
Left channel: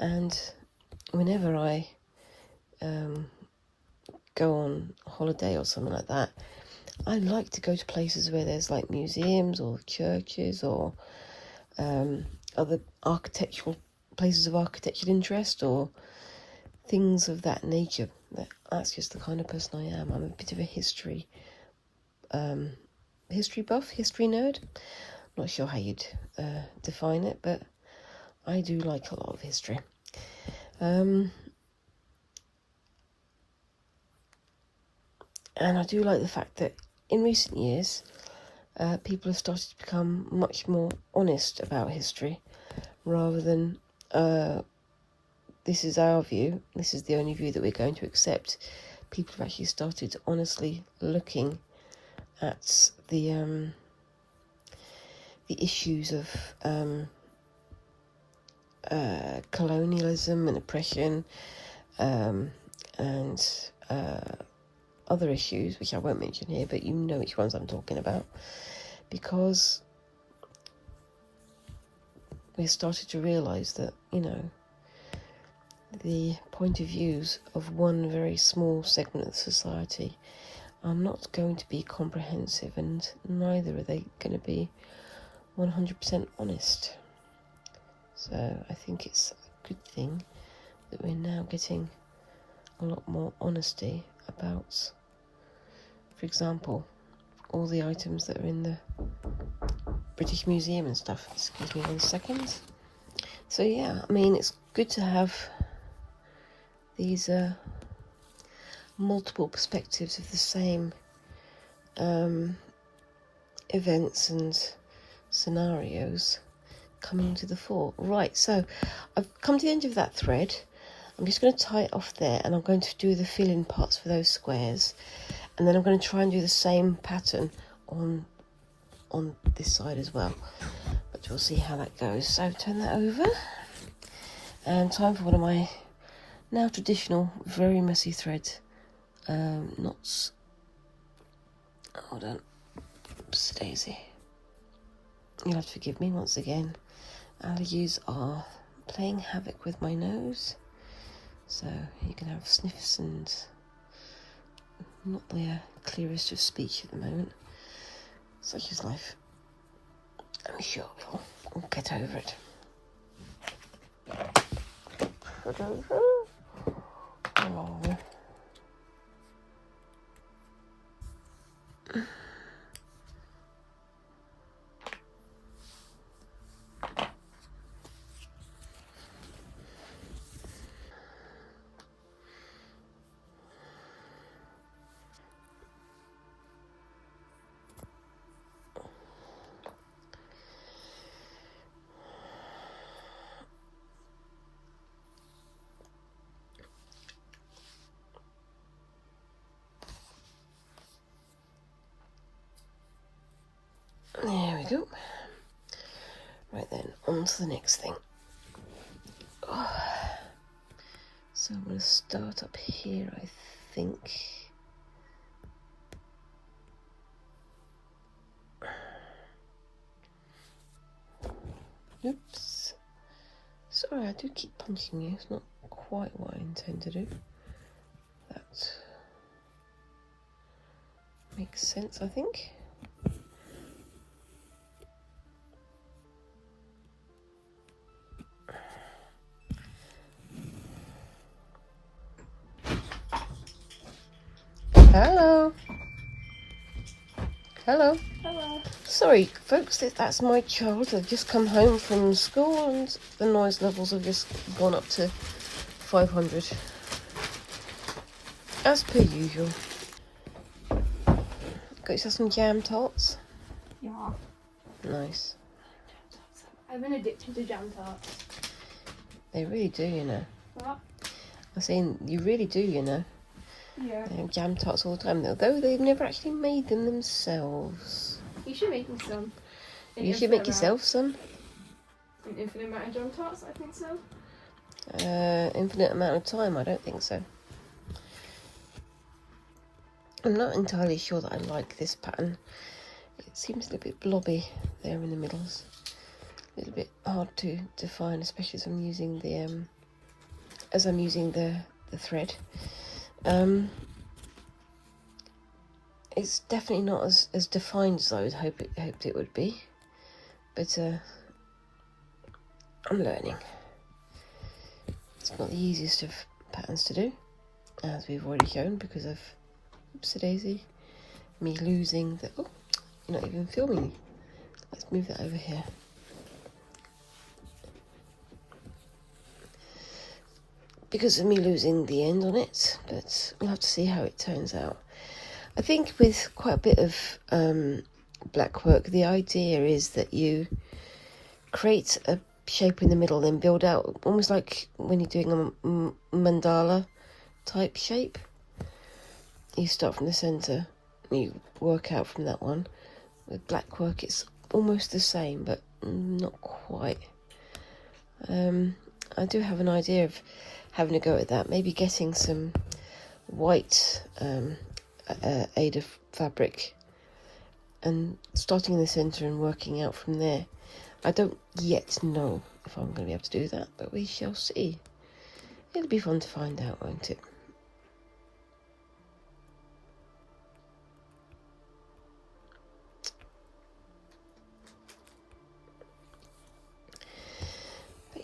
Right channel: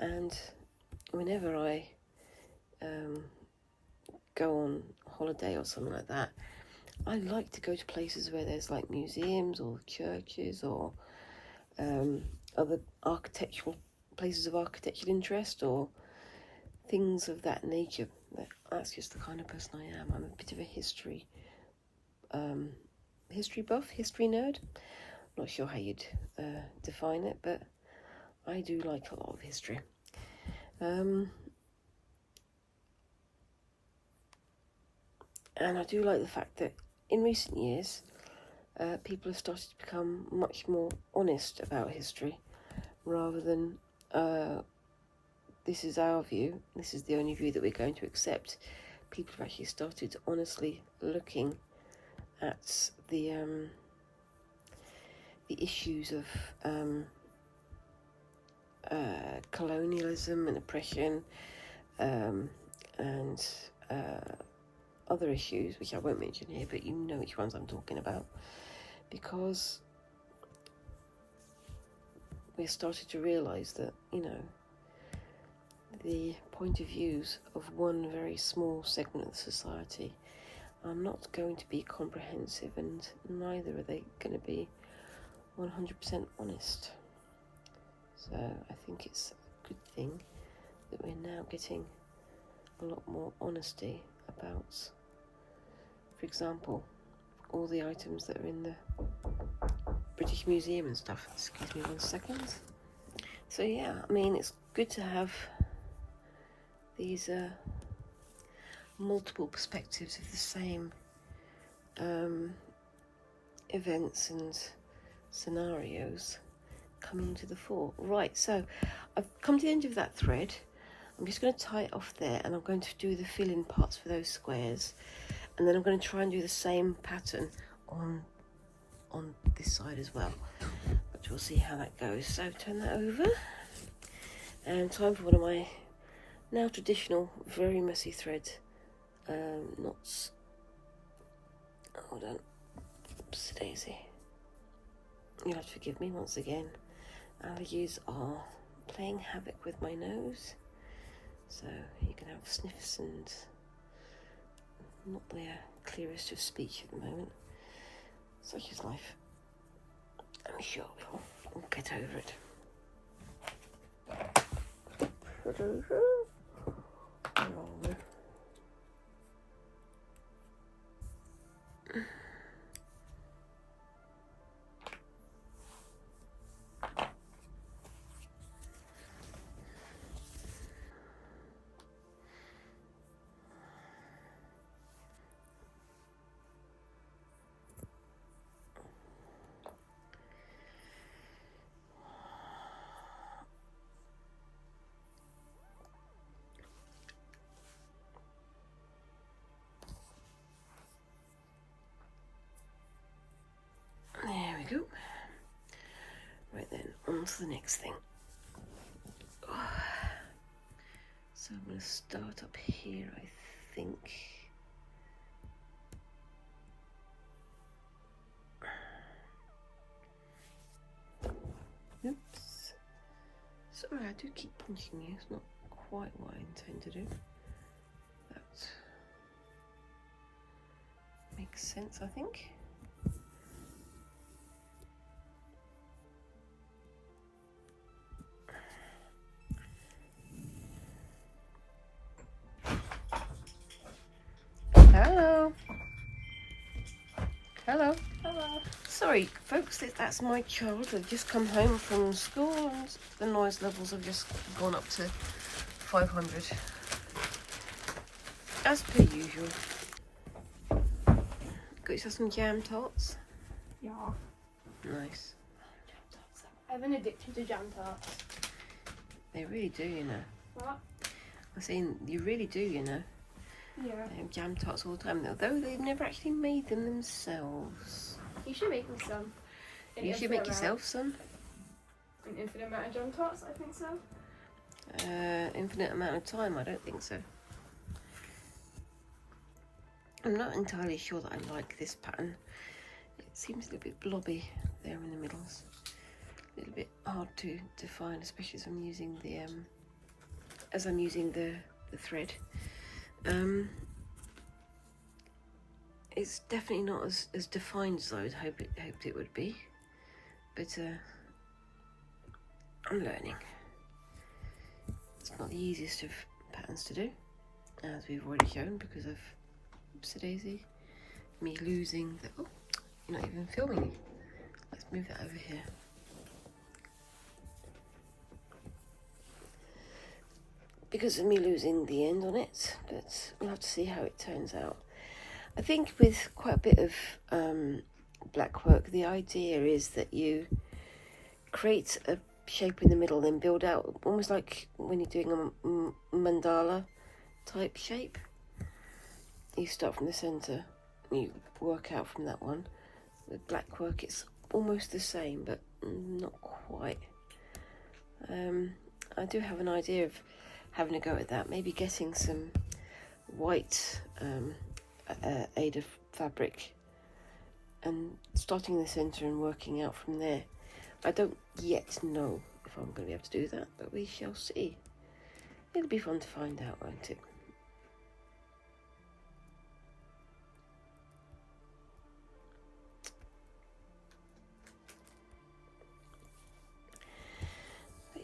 and whenever I go on holiday or something like that, I like to go to places where there's like museums or churches or other architectural places of architectural interest or things of that nature. That's just the kind of person I am. I'm a bit of a history buff, history nerd. Not sure how you'd define it, but I do like a lot of history. And I do like the fact that in recent years, people have started to become much more honest about history, rather than this is our view, this is the only view that we're going to accept. People have actually started honestly looking at the issues of colonialism and oppression and other issues, which I won't mention here, but you know which ones I'm talking about, because we started to realise that, you know, the point of views of one very small segment of society are not going to be comprehensive, and neither are they going to be 100% honest. So I think it's a good thing that we're now getting a lot more honesty about, for example, all the items that are in the British Museum and stuff. Excuse me 1 second. So yeah, I mean, it's good to have these multiple perspectives of the same events and scenarios coming to the fore. Right, so I've come to the end of that thread. I'm just going to tie it off there, and I'm going to do the fill-in parts for those squares, and then I'm going to try and do the same pattern on this side as well, but we'll see how that goes. So turn that over, and time for one of my now traditional very messy thread knots. Hold on, oops daisy, you'll have to forgive me once again. Allergies are playing havoc with my nose, so you can have sniffs and not the clearest of speech at the moment. Such is life. I'm sure we'll get over it. Oh. There we go. Right then, on to the next thing. So I'm going to start up here, I think. Oops. Sorry, I do keep punching you. It's not quite what I intend to do. That makes sense, I think. Hello. Hello. Hello. Sorry, folks, that's my child. They've just come home from school and the noise levels have just gone up to 500. As per usual. Got yourself some jam tarts? Yeah. Nice. I'm an addicted to jam tarts. They really do, you know. What? I'm saying, you really do, you know. Yeah. They have jam tarts all the time, though they've never actually made them themselves. You should make me some. You should make yourself some. An infinite amount of jam tarts, I think so. Infinite amount of time, I don't think so. I'm not entirely sure that I like this pattern. It seems a little bit blobby there in the middles. A little bit hard to define, especially as I'm using the thread. It's definitely not as defined as I would hoped it would be, but I'm learning. It's not the easiest of patterns to do, as we've already shown, because of oopsie-daisy, me losing the... Oh, you're not even filming. Let's move that over here. Because of me losing the end on it, but we'll have to see how it turns out. I think with quite a bit of Blackwork, the idea is that you create a shape in the middle, then build out, almost like when you're doing a mandala type shape. You start from the centre, you work out from that one. With Blackwork, it's almost the same, but not quite. I do have an idea of having a go at that, maybe getting some white Aether fabric and starting in the centre and working out from there. I don't yet know if I'm going to be able to do that, but we shall see. It'll be fun to find out, won't it?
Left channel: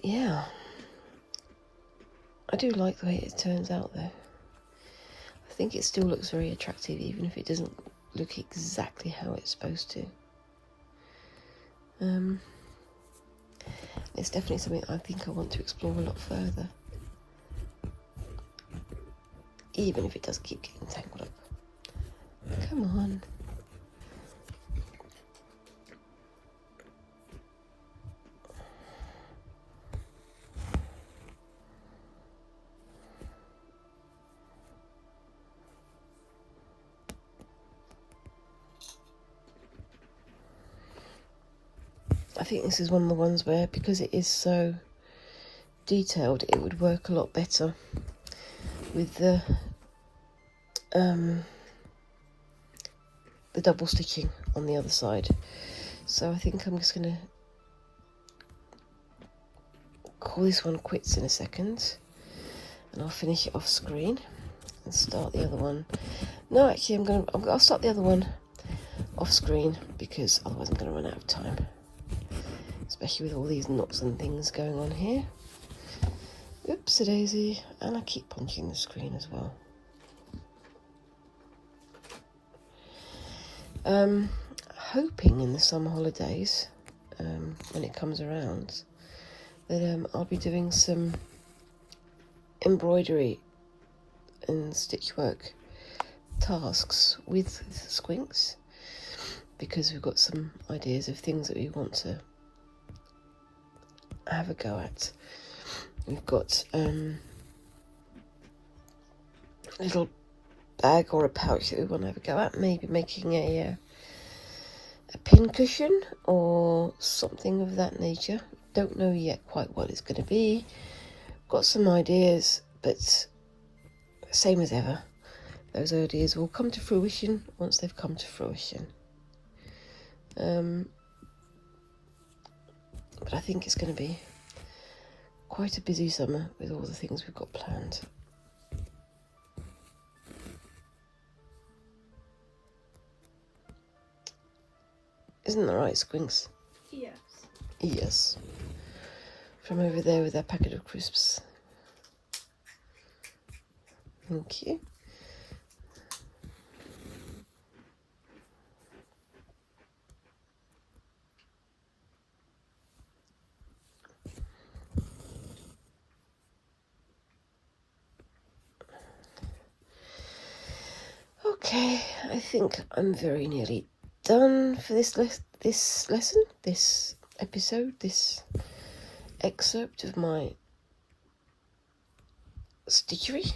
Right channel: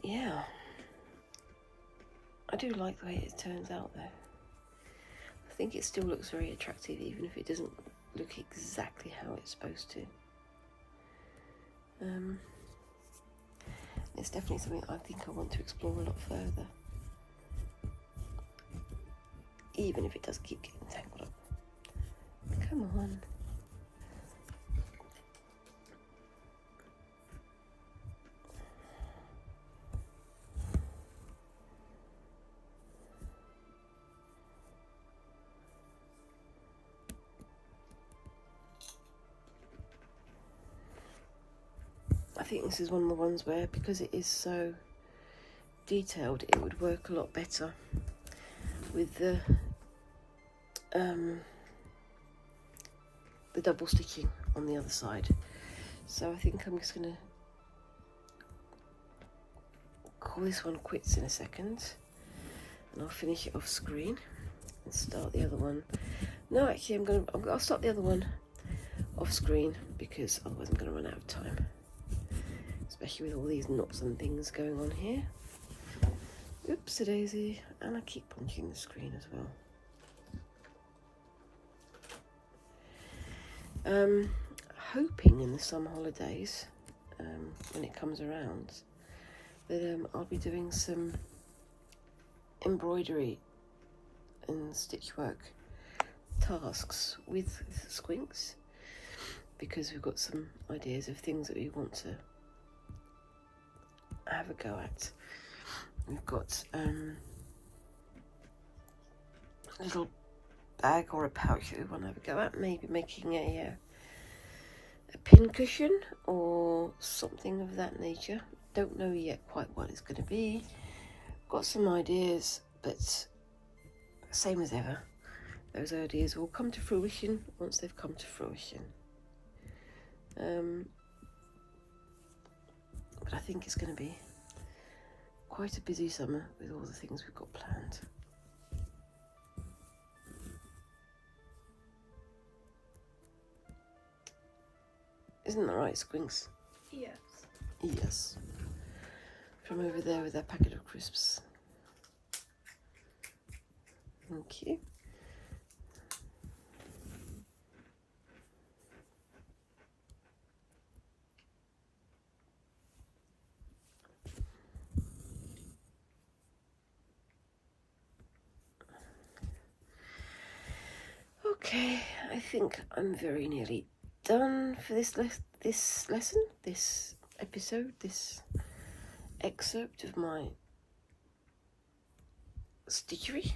yeah, I do like the way it turns out though. I think it still looks very attractive even if it doesn't look exactly how it's supposed to. It's definitely something I think I want to explore a lot further, even if it does keep getting tangled up. Come on. I think this is one of the ones where, because it is so detailed, it would work a lot better with the double stitching on the other side. So I think I'm just going to call this one quits in a second, and I'll finish it off screen and start the other one. No, actually, I'll start the other one off screen because otherwise I'm going to run out of time, especially with all these knots and things going on here. Oops, a daisy, and I keep punching the screen as well. Hoping in the summer holidays, when it comes around, that I'll be doing some embroidery and stitch work tasks with Squinks, because we've got some ideas of things that we want to have a go at. We've got a little bag or a pouch that we want to have a go at, maybe making a pin cushion or something of that nature. Don't know yet quite what it's going to be. Got some ideas, but same as ever, those ideas will come to fruition once they've come to fruition. But I think it's going to be quite a busy summer with all the things we've got planned. Isn't that right, Squinks? Yes. Yes. From over there with their packet of crisps. Thank you. Okay, I think I'm very nearly done for this lesson, this episode, this excerpt of my stitchery,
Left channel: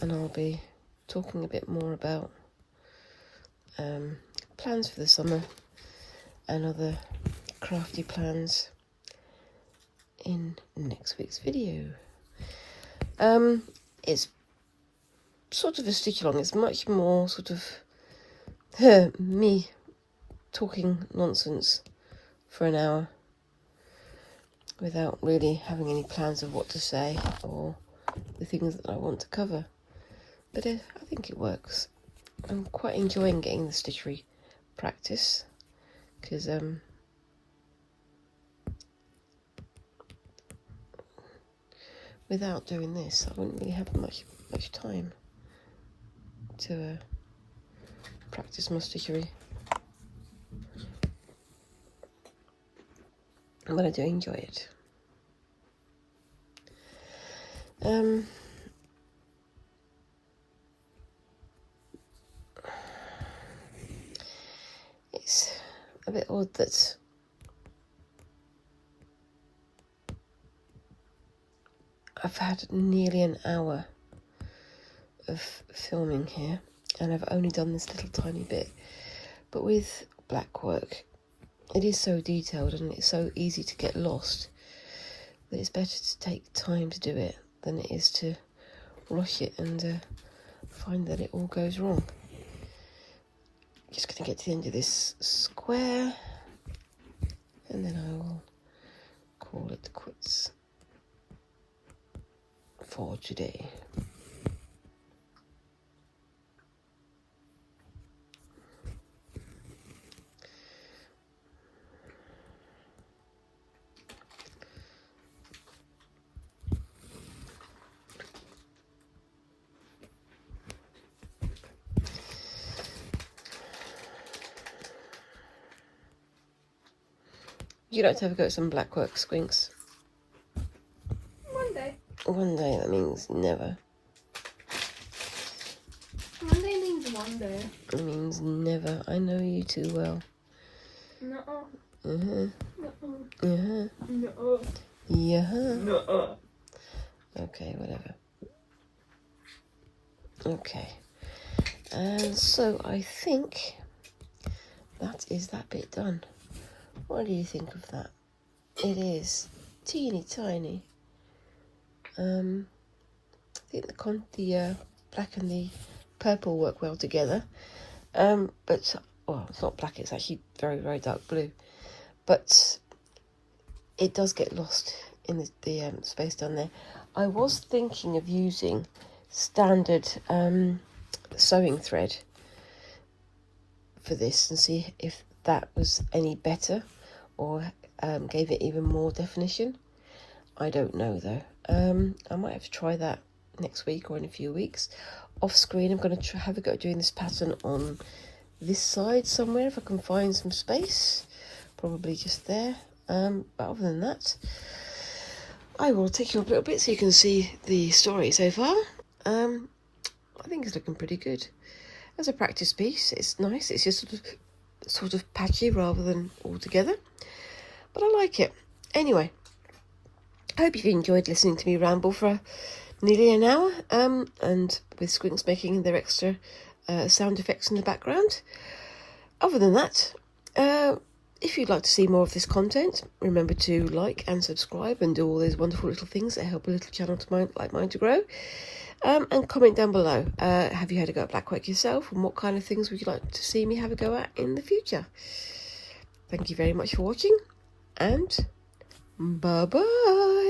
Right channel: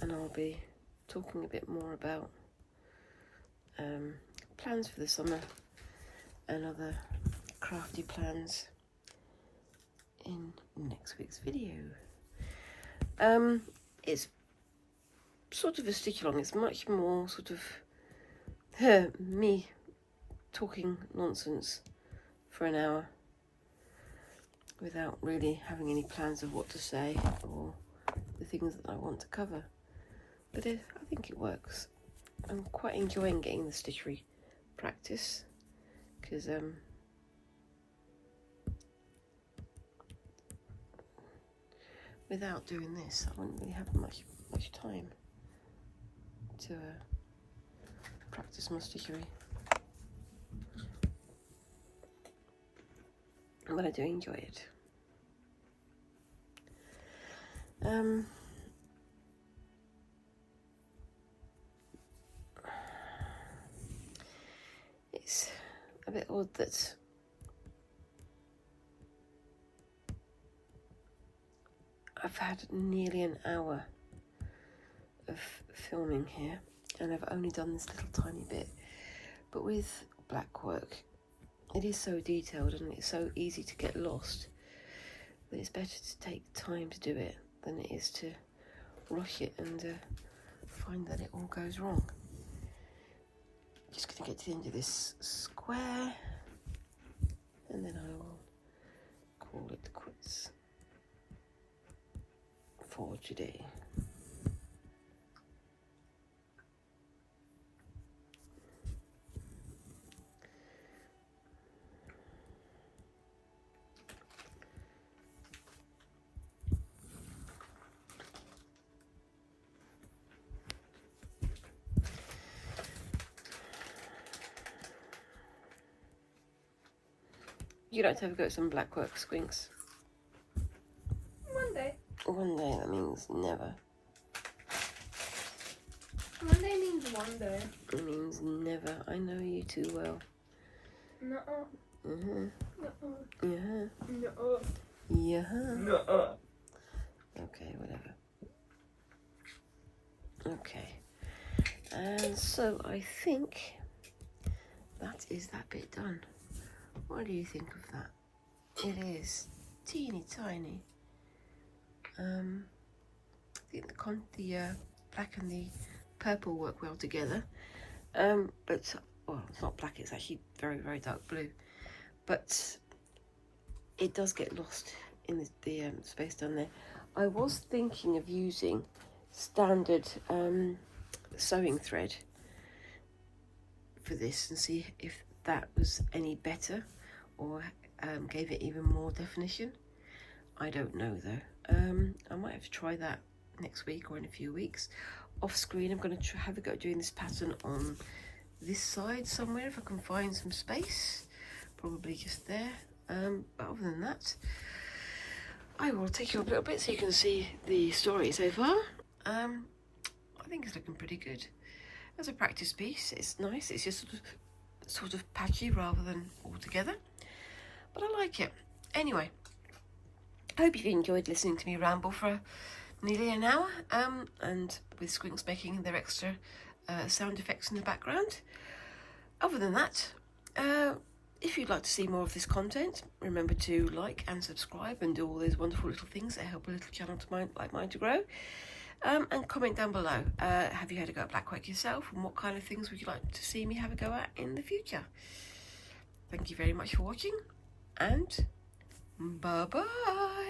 and I'll be talking a bit more about plans for the summer and other crafty plans in next week's video. It's sort of a stitch along. It's much more sort of me talking nonsense for an hour without really having any plans of what to say or the things that I want to cover. But I think it works. I'm quite enjoying getting the stitchery practice, because without doing this I wouldn't really have much time to practice my stitchery. But I do enjoy it. It's a bit odd that I've had nearly an hour of filming here and I've only done this little tiny bit, but with Blackwork it is so detailed and it's so easy to get lost that it's better to take time to do it than it is to rush it and find that it all goes wrong. Just going to get to the end of this square and then I will call it quits for today. You'd like to have a go at some Blackwork squinks? One day. One day, that means never. One day means one day. It means never. I know you too well. No. No. No. No. Yeah. No. Okay, whatever. Okay. And so I think that is that bit done. What do you think of that? It is teeny tiny. I think the black and the purple work well together. But well, it's not black. It's actually very, very dark blue. But it does get lost in the space down there. I was thinking of using standard sewing thread for this and see if that was any better or gave it even more definition. I don't know though. I might have to try that next week or in a few weeks. Off screen, I'm going to have a go at doing this pattern on this side somewhere if I can find some space. Probably just there. But other than that, I will take you a little bit so you can see the story so far. I think it's looking pretty good. As a practice piece, it's nice. It's just sort of patchy rather than all together. But I like it. Anyway, I hope you've enjoyed listening to me ramble for nearly an hour. And with squinks making their extra sound effects in the background. Other than that, if you'd like to see more of this content, remember to like and subscribe and do all those wonderful little things that help a little channel like mine to grow. And comment down below. Have you had a go at Blackwork yourself? And what kind of things would you like to see me have a go at in the future? Thank you very much for watching. And bye-bye.